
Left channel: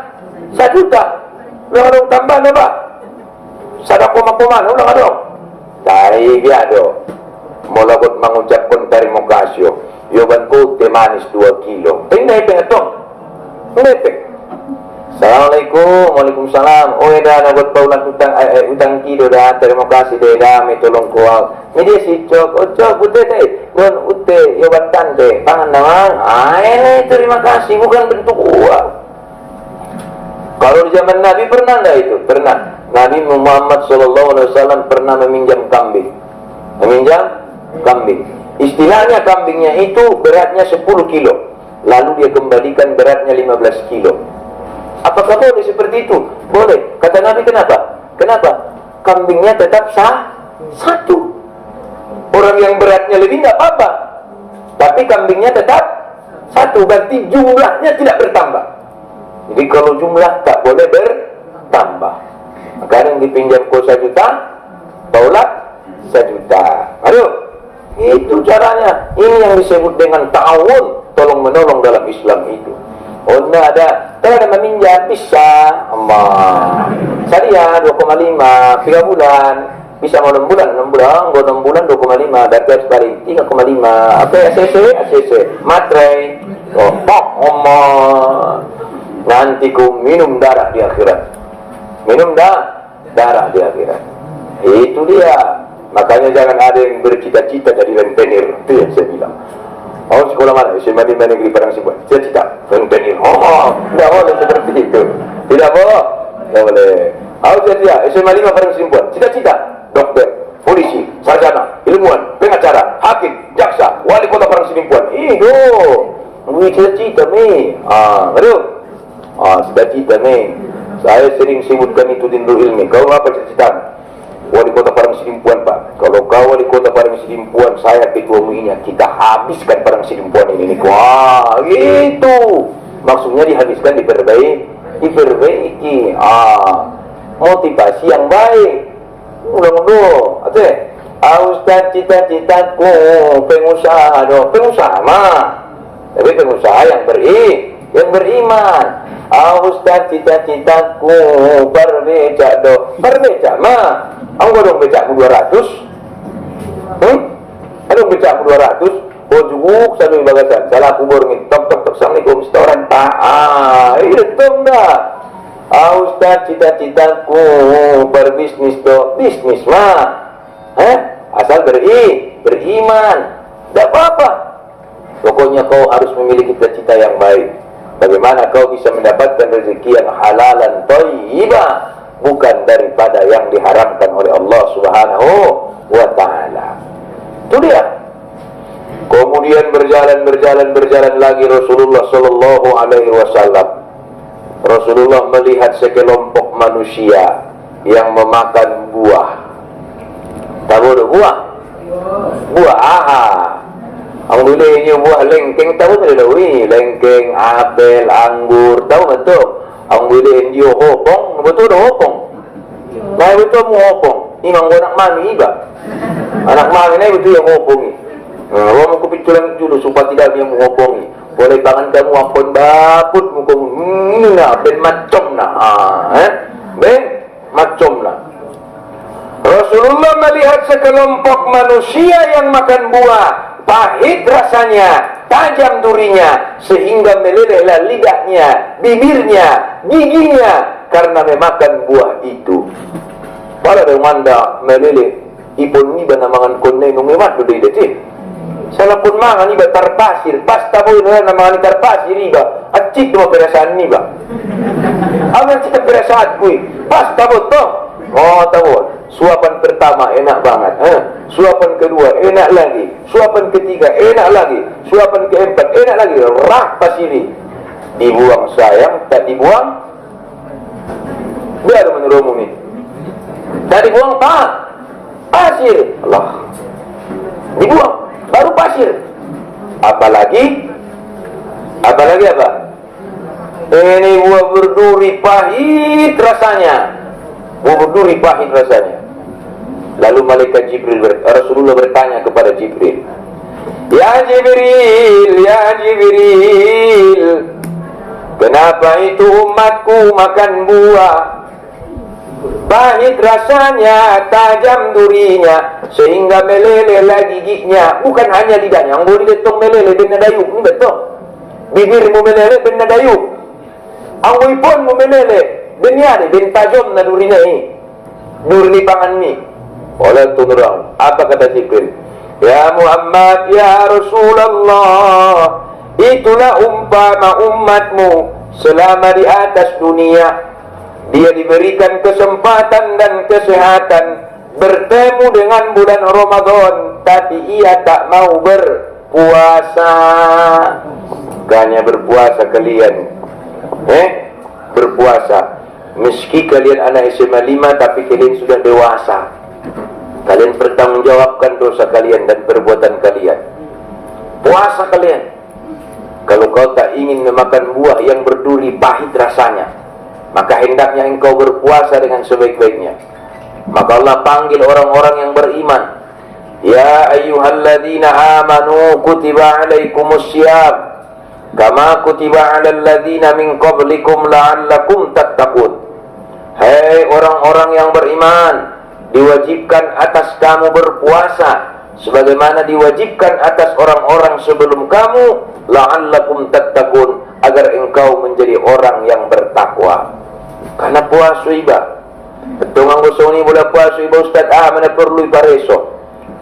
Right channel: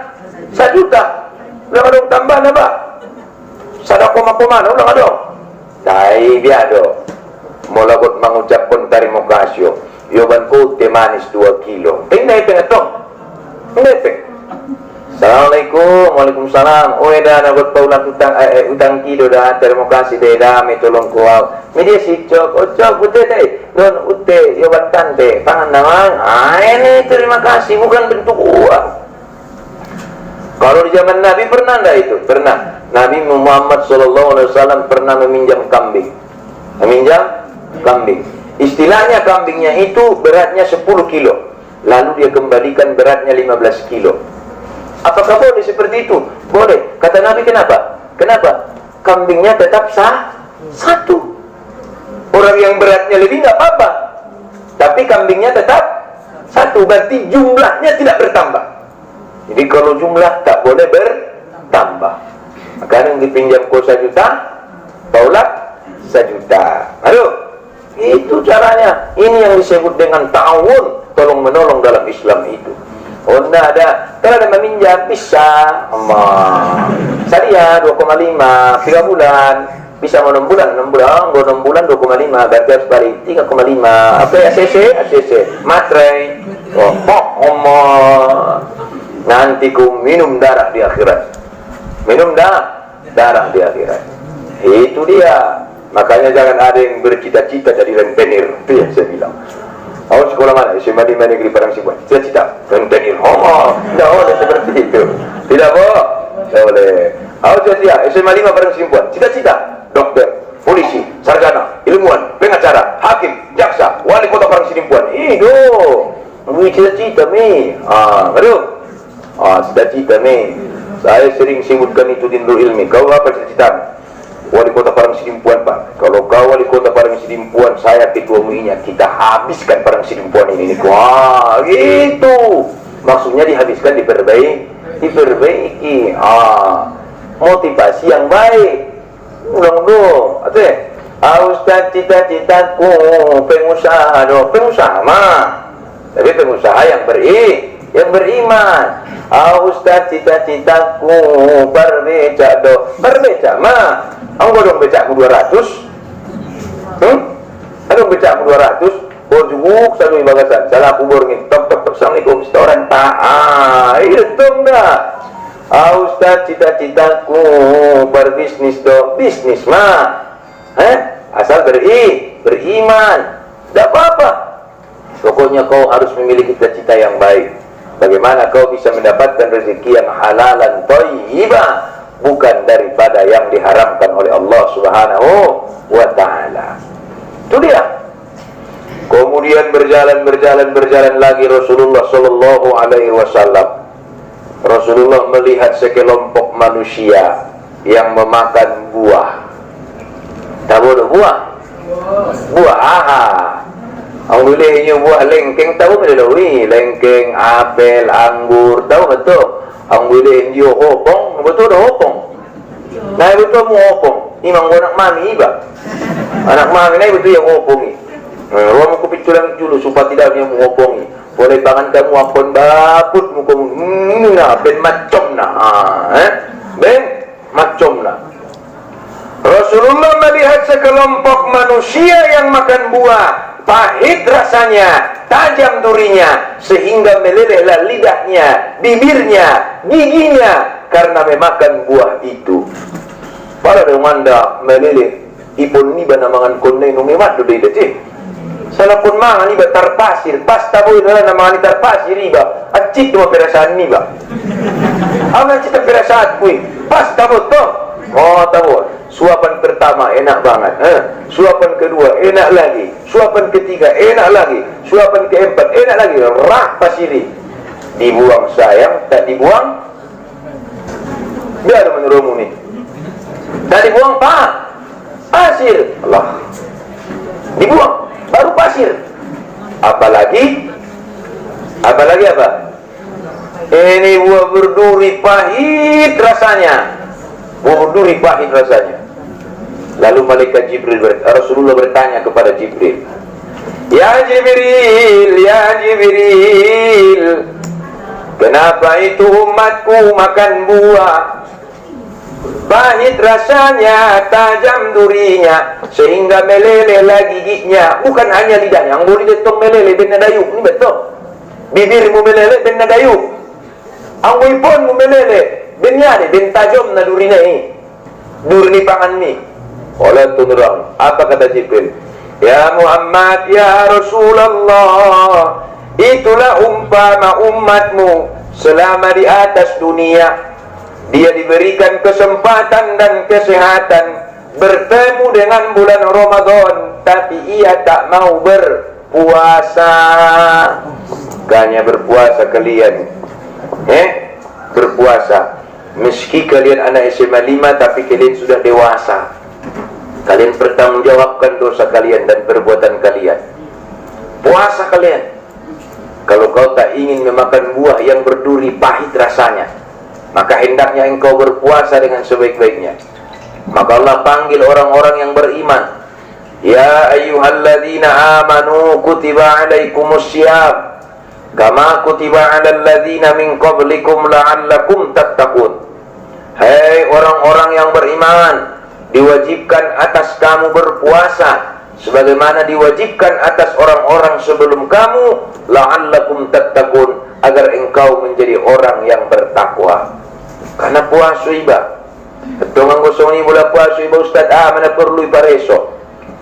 1 juta. Ulang adong tambah na ba? Sada koma-koma na ulang adong. Tapi biado. Mula buat mengucapkan terima kasih. Yoban ko teh manis 2 kilo. Ini pengetong. Ngepek. Assalamualaikum, waalaikumsalam. Oh eda na buat paulan utang kido dah. Terima kasih dah me tolong ko. Media si cok, cok ute deh. Don ute yoban tante. Pangan naman. Ini terima kasih bukan bentuk uang. Kalau di zaman Nabi pernah enggak itu? Pernah. Nabi Muhammad SAW pernah meminjam kambing. Meminjam kambing. Istilahnya kambingnya itu beratnya 10 kilo. Lalu dia kembalikan beratnya 15 kilo. Apakah boleh seperti itu? Boleh. Kata Nabi kenapa? Kenapa? Kambingnya tetap satu. Orang yang beratnya lebih nggak apa-apa. Tapi kambingnya tetap satu. Berarti jumlahnya tidak bertambah. Jadi kalau jumlah tak boleh bertambah. Maka yang dipinjam kau 1 juta, paulat 1 juta. Aduh. Itu caranya. Ini yang disebut dengan ta'awun, tolong menolong dalam Islam itu. Oh enggak ada. Kalau ada meminjam bisa. Saya 2,5 3 bulan. Bisa mau 6 bulan, 6 bulan, 6 bulan 2,5, berarti harus balik 3,5. Apa ya ACC, materai. Nanti ku minum darah di akhirat. Minum darah di akhirat. Itu dia. Makanya jangan ada yang bercita-cita jadi rentenir. Itu yang saya bilang. Sekolah mana? SMA di Negeri Padang Sibuan. Cita-cita rentenir. Tidak boleh seperti itu. Tidak boleh. Cita-cita SMA 5 Padang Sibuan. Cita-cita dokter, polisi, sarjana, ilmuwan, pengacara, hakim, jaksa, wali kota Padang Sibuan. Itu cita-cita me. Cita-cita me. Saya sering sebutkan itu di Nurul Ilmi. Kau apa cita-cita? Wali kota Padang Sidimpuan, Pak. Kalau kau wali kota Padang Sidimpuan, saya ketua MUI-nya, kita habiskan Padang Sidimpuan ini. Wah, gitu. Maksudnya dihabiskan, diperbaiki. Motivasi yang baik. Ulang-ulang. Ustaz, cita-citaku pengusaha dong. Pengusaha mah. Tapi pengusaha yang beriman. Ustaz, cita-citaku berbecak dong. Berbecak mah. Anggo dong becakku 200. Aduh becakku 200. Bojuguk satu ibagasan. Salah kubur ni. Tok. Assalamualaikum. Setoran tak. Itu dah. Ustaz, cita-citaku berbisnis dong. Bisnis mah. Asal beriman. Tak apa-apa. Pokoknya kau harus memiliki cita-cita yang baik. Bagaimana kau bisa mendapatkan rezeki yang halalan thayyibah, bukan daripada yang diharamkan oleh Allah Subhanahu wa taala. Itu dia. Kemudian berjalan lagi Rasulullah sallallahu alaihi wasallam. Rasulullah melihat sekelompok manusia yang memakan buah. Tahu buah? Buah Alhamdulillah buah lengkeng, tahu tak lengkeng, apel, anggur, tahu betul? Alhamdulillah dia hopong, betul dah hopong. Nah betul mu hopong. Ini mang anak mami ba? Anak mami ni betul yang hopong ni. Orang aku pitulang dulu supaya tidak dia mu hopong ni. Boleh pangan kamu apun baput mu kamu. Nah ben macam nah. Ben macam nah. Rasulullah melihat sekelompok manusia yang makan buah, pahit rasanya, tajam durinya, sehingga melelehlah lidahnya, bibirnya, giginya karena memakan buah itu. Para demanda meleleh, ipun ni ba namangan konne no memat do dide ti. Salah pun mangan iba tarpasir, pasta boy na namangan tarpasir iba, acik mo perasaan ni ba. Aman cita perasaan kuy, pasta mo to. Oh tahu, suapan pertama enak banget, suapan kedua enak lagi, suapan ketiga enak lagi, suapan keempat enak lagi, rah pasiri. Dibuang sayang, tak dibuang, biar menurutmu ni. Tak dibuang pasir, Allah. Dibuang, baru pasir. Apalagi apa? Ini buah berduri pahit rasanya. Berduri pahit rasanya. Lalu malaikat Jibril Rasulullah bertanya kepada Jibril, Ya Jibril, kenapa itu umatku makan buah pahit rasanya, tajam durinya, sehingga meleleh lagi giginya. Bukan hanya lidahnya, yang boleh ditong meleleh dengan dayuk. Ini betul. Bibirmu meleleh dengan dayuk. Ang pun mu meleleh. Dunia ni, bin tajam na durinya ni. Durni pangan ni. Oleh tunurang. Apa kata Jibril? Ya Muhammad, ya Rasulullah, itulah umpama umatmu selama di atas dunia. Dia diberikan kesempatan dan kesehatan bertemu dengan bulan Ramadan, tapi ia tak mau berpuasa. Bukannya berpuasa kalian, berpuasa. Meski kalian anak SMA 5, tapi kalian sudah dewasa. Kalian bertanggungjawabkan dosa kalian dan perbuatan kalian. Puasa kalian. Kalau kau tak ingin memakan buah yang berduri pahit rasanya, maka hendaknya engkau berpuasa dengan sebaik-baiknya. Maka Allah panggil orang-orang yang beriman. Ya ayyuhalladzina amanu kutiba alaikumussyam kama kutiba alal ladzina min qablikum la'allakum tattaqun. Hei orang-orang yang beriman, diwajibkan atas kamu berpuasa sebagaimana diwajibkan atas orang-orang sebelum kamu, la'allakum tattaqun, agar engkau menjadi orang yang bertakwa. Karena puasa iba. Tungang gosong ni mula puasa iba Ustaz, mana perlu ipareso.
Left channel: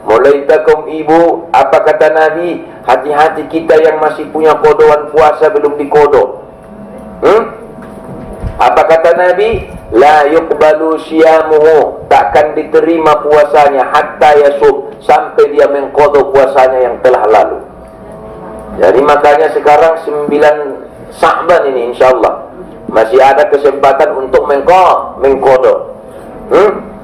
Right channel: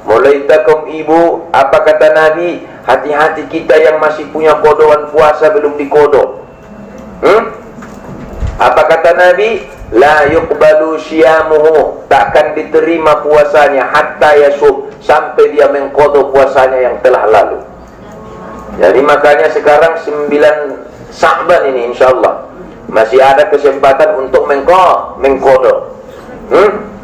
Mulai takum ibu, apa kata Nabi? Hati-hati kita yang masih punya kodohan puasa belum dikodo. Apa kata Nabi? La yuqbalu syiamuhu, takkan diterima puasanya hatta yasub, sampai dia mengkodo puasanya yang telah lalu. Jadi makanya sekarang 9 Sa'ban ini insyaallah masih ada kesempatan untuk mengkodo.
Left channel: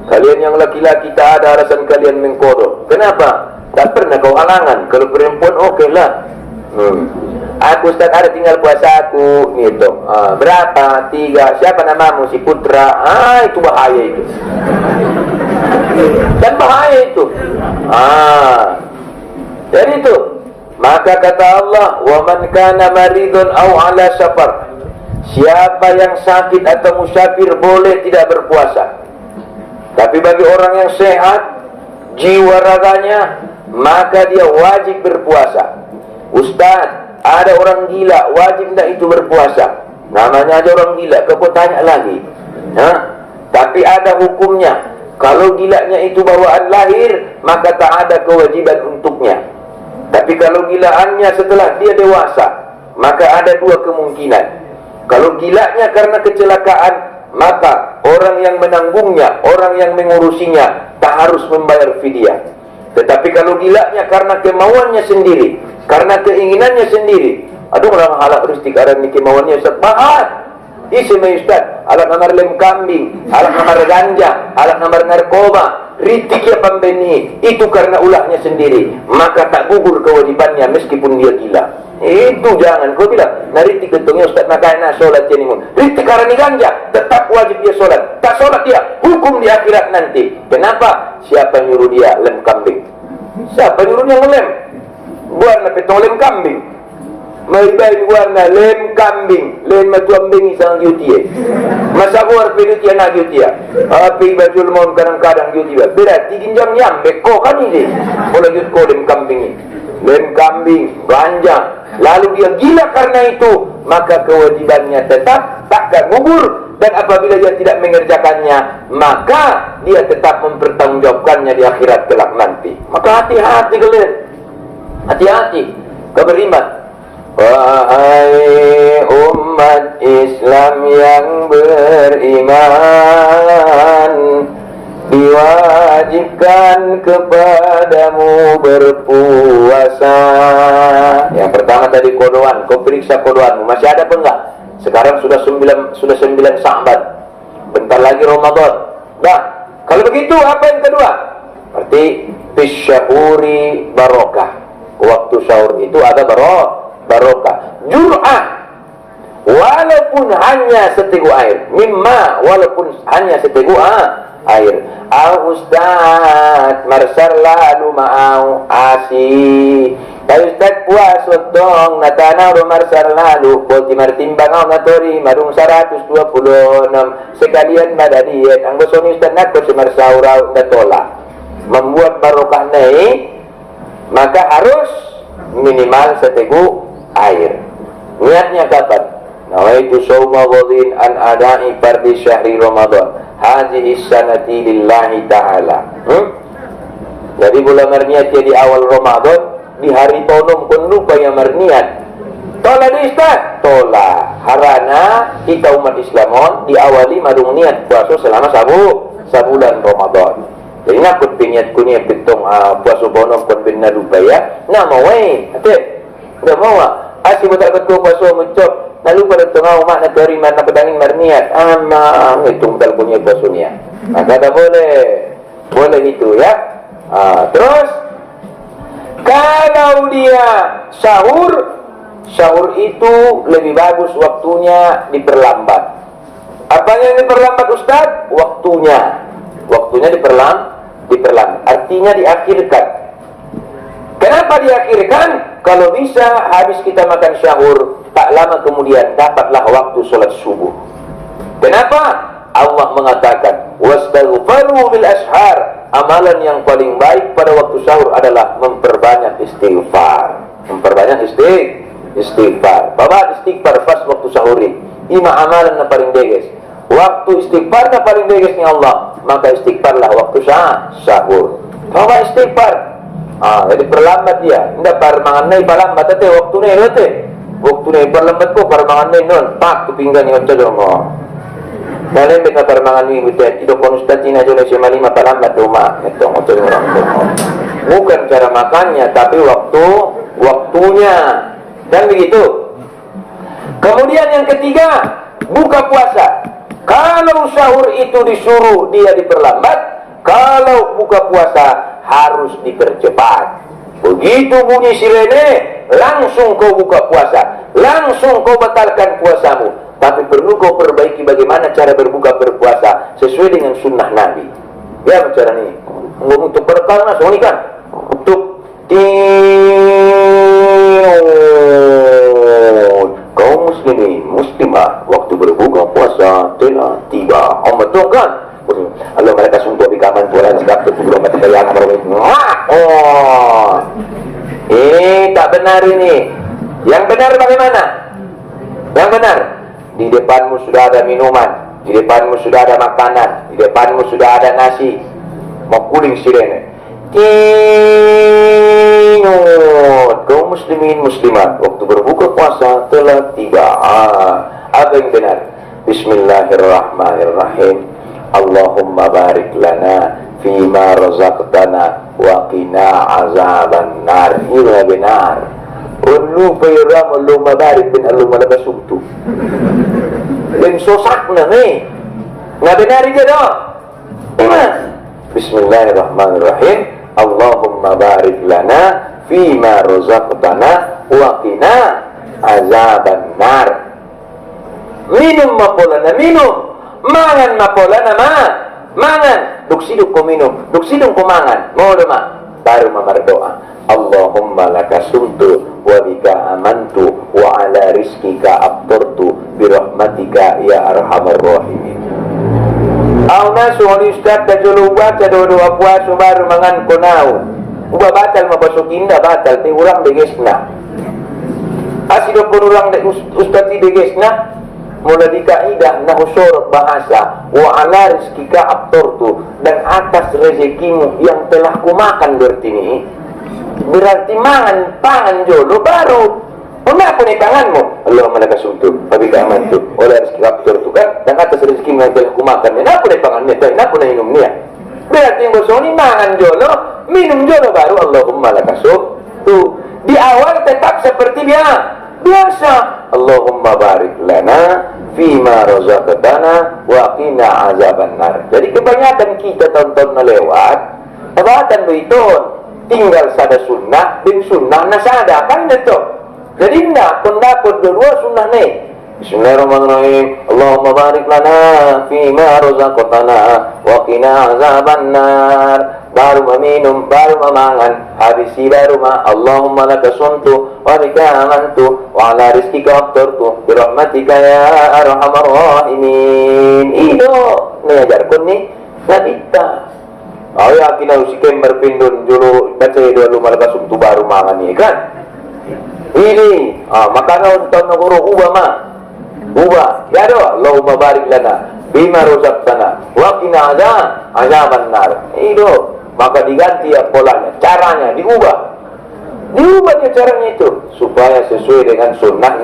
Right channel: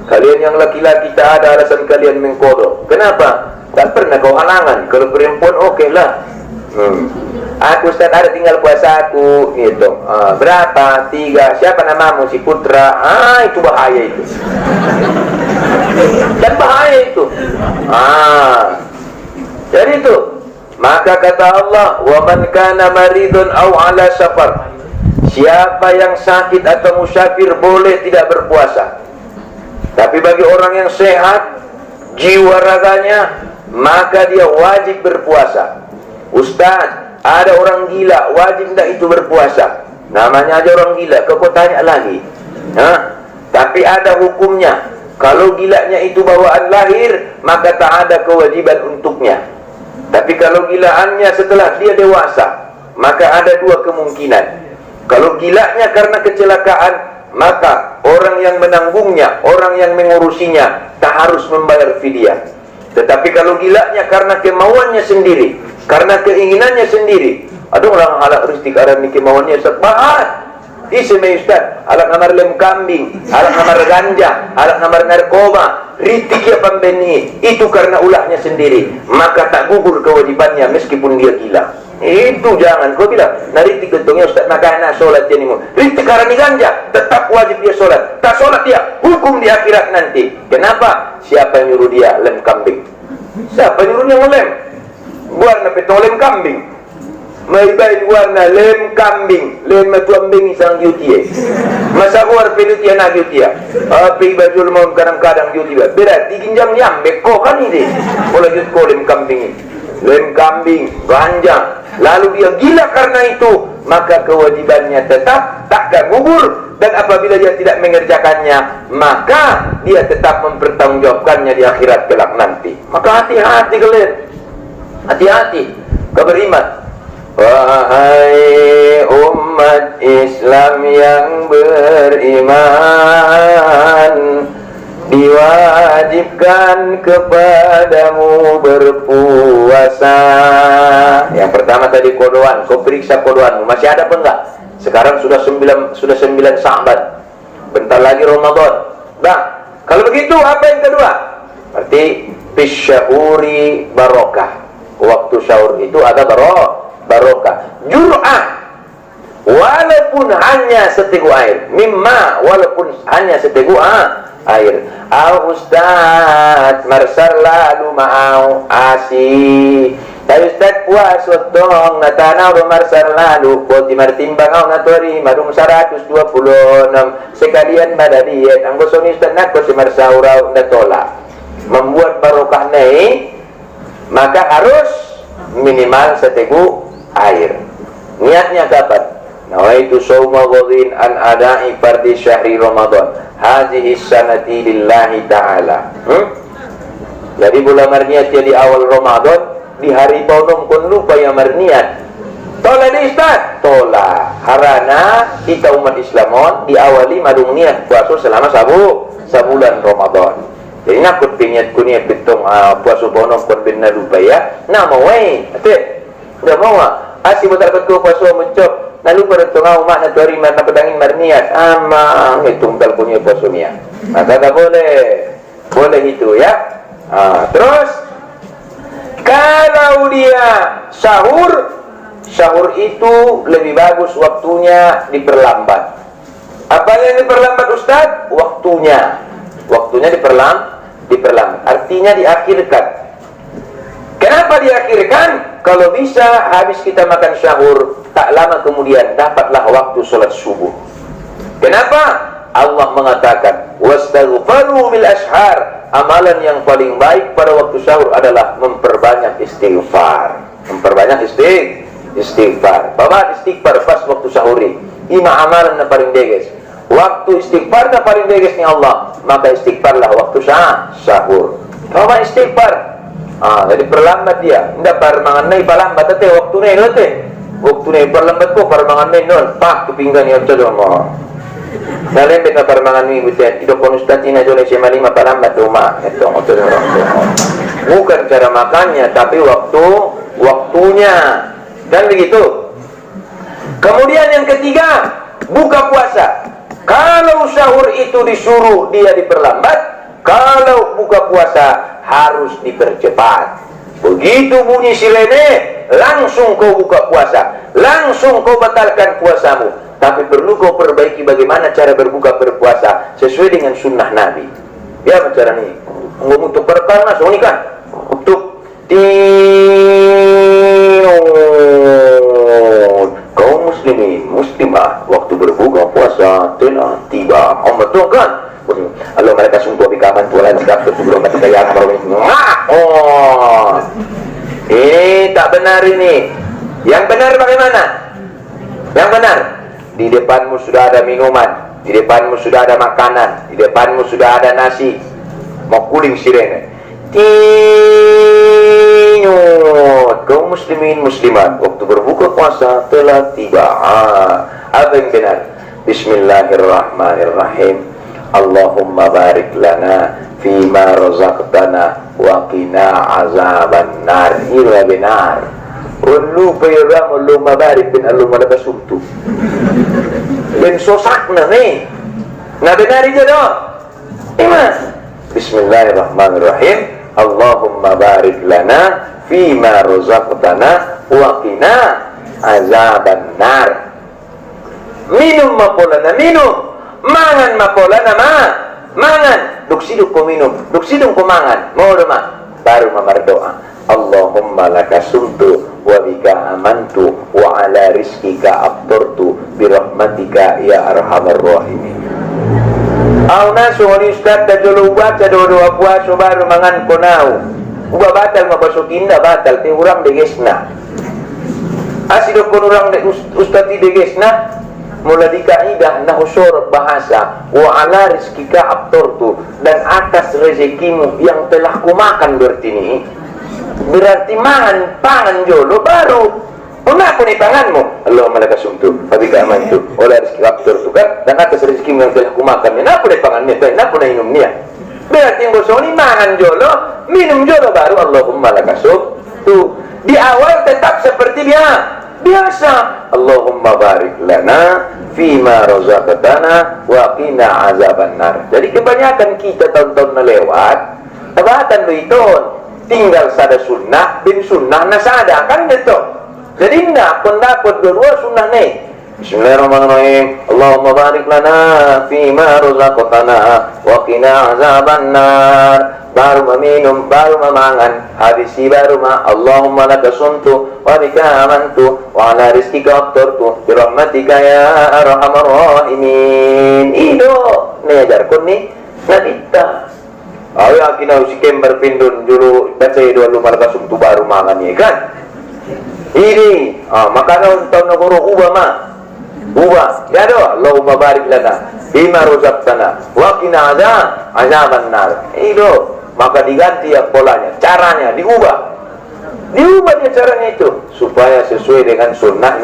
Kalian yang laki-laki tak ada alasan kalian mengkodo. Kenapa? Tak pernah kau halangan. Kalau perempuan okey lah. Aku Ustaz ada tinggal puasa aku gitu. Berapa? 3. Siapa namamu? Si Putra. Itu bahaya itu. Dan bahaya itu. Jadi itu. Maka kata Allah, wa man kana maridun aw ala safar. Siapa yang sakit atau musafir boleh tidak berpuasa. Tapi bagi orang yang sehat jiwa raganya, maka dia wajib berpuasa. Ustaz, ada orang gila, wajib tidak itu berpuasa? Namanya aja orang gila, kau tanya lagi. Tapi ada hukumnya. Kalau gilanya itu bawaan lahir, maka tak ada kewajiban untuknya. Tapi kalau gilaannya setelah dia dewasa, maka ada dua kemungkinan. Kalau gilanya karena kecelakaan, maka orang yang menanggungnya, orang yang mengurusinya tak harus membayar fidyah. Tetapi kalau gilanya karena kemauannya sendiri, karena keinginannya sendiri, ada orang halak ristik aran ni kemauannya Ustaz bahat. Isme Ustaz, alat namar lem kambing, alat namar ganja, alat namar narkoba, ritik ya pembeni, itu karena ulahnya sendiri, maka tak gugur kewajibannya meskipun dia gila. Itu jangan kau bilang, nah ritik gentongnya Ustaz makanya solat ini mu. Ritik karena ganja, tetap wajib dia solat. Tak solat dia, hukum di akhirat nanti. Kenapa? Siapa yang nyuruh dia lem kambing? Siapa yang nyuruh dia ngelem? Warna petong lem kambing. Maibain warna lem kambing, lem kambing isang yutie. Masa war pelutia na yutia. Api bajul mau kadang-kadang yutia. Berarti ginjang yang beko kan ini. Mulai yut ko lem kambing ini. Lem kambing, ganja. Lalu dia gila karena itu, maka kewajibannya tetap takkan gugur. Dan apabila dia tidak mengerjakannya, maka dia tetap mempertanggungjawabkannya di akhirat kelak nanti. Maka hati-hati kalian, hati-hati kau beriman. Wahai umat Islam yang beriman, diwajibkan kepadamu berpuasa. Yang pertama tadi kodoan, kau periksa kodoanmu masih ada apa enggak? Sekarang sudah 9 Sya'ban. Bentar lagi Ramadan. Nah, kalau begitu apa yang kedua? Berarti bisyahuri barokah. Waktu sahur itu ada barokah. Jur'ah walaupun hanya seteguk air. Mimma walaupun hanya seteguk air. Ustaz marsar lalu mau asi. Tahu Ustaz puasa dong natana marsar lalu poti martimbang au natori madung 126 sekalian madadiet anggo soni Ustaz nakko si marsaurau natola. Membuat barokah naik, maka harus minimal seteguk air. Niatnya kapan? Nawaitu shauma ghadin an ada'i fardhi syahri Ramadan hadhihi sanati lillahi ta'ala. Jadi bulan marniat di awal Ramadan, di hari tonom kun lupa yang marniat. Tola di Ustaz, tola harana kita umat Islamon diawali madung niat puasa selama sabulan Ramadan. Jadi nakut piniat kunia pitong puasa bonom kun bin lupa ya. Nama wae, ate. Enggak mau asi betul betul puasa mencop. Lalu pada tengah umat nak cari mana pedangin marniat. Amang hitung dal punya puasanya. Maka tak boleh itu ya. Terus kalau dia sahur itu lebih bagus waktunya diperlambat. Apa yang diperlambat Ustaz? Waktunya diperlambat. Artinya diakhirkan. Kenapa diakhirkan? Kalau bisa habis kita makan sahur, tak lama kemudian dapatlah waktu sholat subuh. Kenapa? Allah mengatakan, wastaghfaru bil ashar. Amalan yang paling baik pada waktu sahur adalah memperbanyak istighfar. Istighfar. Bapak istighfar pas waktu sahur ini. Ima amalan yang paling deges. Waktu istighfar yang paling deges ni Allah, maka istighfarlah waktu sahur. Bapak istighfar. Jadi perlambat dia. Enggak parmangan nai palambat tete waktu nai lote. Waktu nai perlambat ko parmangan nai non. Pak tu pinggan ni ojo dong. Dalam beta parmangan ni butet. Ido konustat ina jole sema 5 palambat rumah. Itu ojo dong. Bukan cara makannya, tapi waktunya. Dan begitu. Kemudian yang ketiga, buka puasa. Kalau sahur itu disuruh dia diperlambat, kalau buka puasa harus dipercepat. Begitu bunyi sirene, langsung kau buka puasa, langsung kau batalkan puasamu. Tapi perlu kau perbaiki bagaimana cara berpuasa sesuai dengan sunnah Nabi. Ya cara ini. Untuk perkara ini kan untuk kaum muslimin muslimah waktu berbuka puasa telah tiba. Betul kan? Allah mereka sungguh bikaman pula segap sebelum mati kaya ini tak benar ini. Yang benar bagaimana? Yang benar, di depanmu sudah ada minuman, di depanmu sudah ada makanan, di depanmu sudah ada nasi, mau kuling sirene. muslimin muslimat, waktu berbuka puasa telah tiba. Apa yang benar? Bismillahirrahmanirrahim. Allahumma barik lana fima razaqtana wa qina azaban nar. Ini benar. Ulu payram Allahumma barik bin Allahumma lakasumtu. Dan sosak na ni. Na benar dia dah. Iman. Bismillahirrahmanirrahim. Allahumma barik lana fima razaqtana wa qina azaban nar. Minum mapolana minum, mangan mapolana mangan. Duksiduk ko minum, duksiduk ko mangan. Mau ma baru berdoa. Allahumma lakasumtu wa bika amantu wa ala rizkika abturtu birahmatika ya arhamar rahimin. Au nasu wali ustad da jolo baca doa puasa baru mangan konau. Uba batal mabasukinda batal ti urang degesna. Asido pun urang de ustad ti degesna mula di kaidah nahusur bahasa wa ala rizkika abturtu, dan atas rezekimu yang telah kumakan berarti pangan jolo baru pernah pun panganmu. Allahumma lakasumtu wa bika amantu wa ala rizkika abturtu kan, dan atas rezekimu yang telah kumakan na pun pangannya dan na pun minumnya. Berarti yang gosoni mangan jolo minum jolo baru Allahumma lakasumtu. Di awal tetap seperti dia biasa. Allahumma barik lana fima razaqtana wa qina azaban nar. Jadi kebanyakan kita tahun-tahun na lewat tabatan do itu tinggal sada sunnah bin sunnah nasada kan itu. Jadi enggak pendapat dua sunnah nih. Bismillahirrahmanirrahim. Allahumma barik lana fima razaqtana wa qina azaban nar. Baru meminum, baru memangan, habis baru Allahumma lakasumtu wa bika amantu wa ala rizkika abturtu birahmatika ya arhamar rahimin. Ido ngajarkan nih kita. Ayo akhirnya si kembar pindun dulu baca dua lumar kasumtu baru mangan ya kan. Ini makanan untuk negara ubah ya doa. Allahumma barik lana bima razaqtana wa qina azaban nar. Ido maka diganti ya polanya, caranya diubah dia caranya itu supaya sesuai dengan sunnah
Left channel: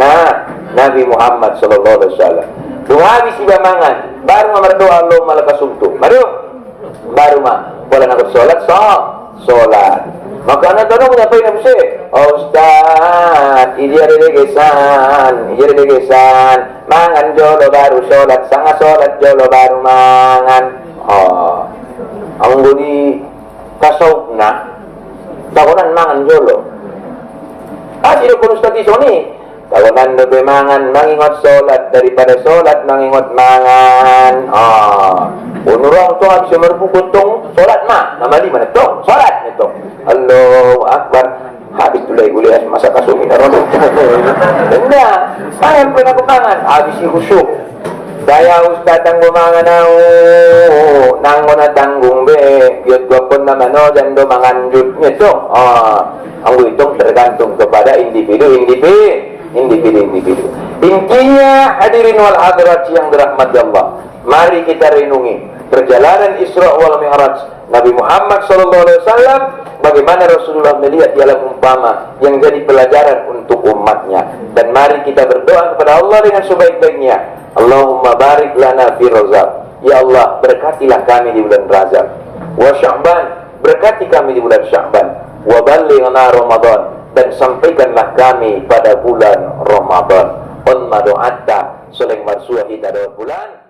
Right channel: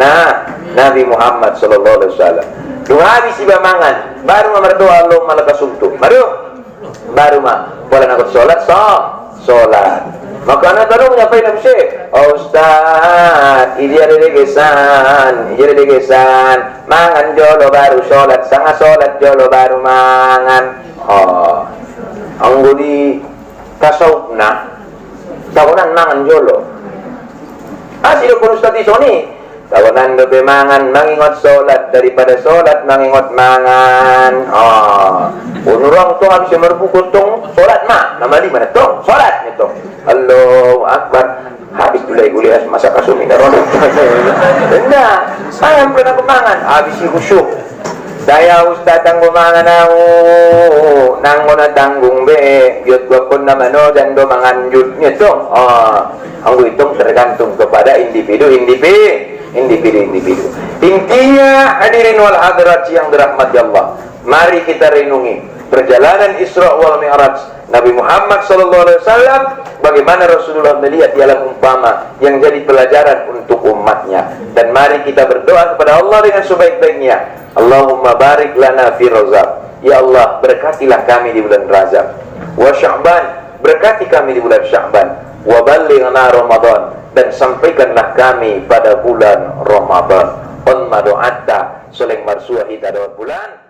Nabi Muhammad sallallahu alaihi wasallam. Habis mangan baru berdoa Allahumma lakasumtu baru pola nak solat maka anak tahu menyampaikan apa sih? Ustaz, ini ada degesan mangan jolo baru solat, sangat solat jolo baru mangan. Anggo di kasawna tawanan mangan jolo asilo kun ustad isoni tawanan do mangan mangingot solat daripada solat mangingot mangan. Unurang to habis merbukut tong solat nama lima to solat itu Allahu akbar habis tulai gulias masa kasumi karon enggak ayam pernah mangan habis khusyuk. Daya ustad tanggung mangan nanggo na tanggung be biot gua pun nama no dan do manganjutnya to. Anggo itu tergantung kepada individu. Intinya hadirin wal hadirat yang dirahmati Allah, mari kita renungi perjalanan Isra wal Mi'raj Nabi Muhammad SAW, bagaimana Rasulullah melihat di alam umpama yang jadi pelajaran untuk umatnya. Dan mari kita berdoa kepada Allah dengan sebaik-baiknya. Allahumma barik lana fi Rajab. Ya Allah, berkatilah kami di bulan Rajab. Wa Sya'ban, berkati kami di bulan Sya'ban. Wa ballighna Ramadan, dan sampaikanlah kami pada bulan Ramadan. On madu'atta, soleng marsuah hita bulan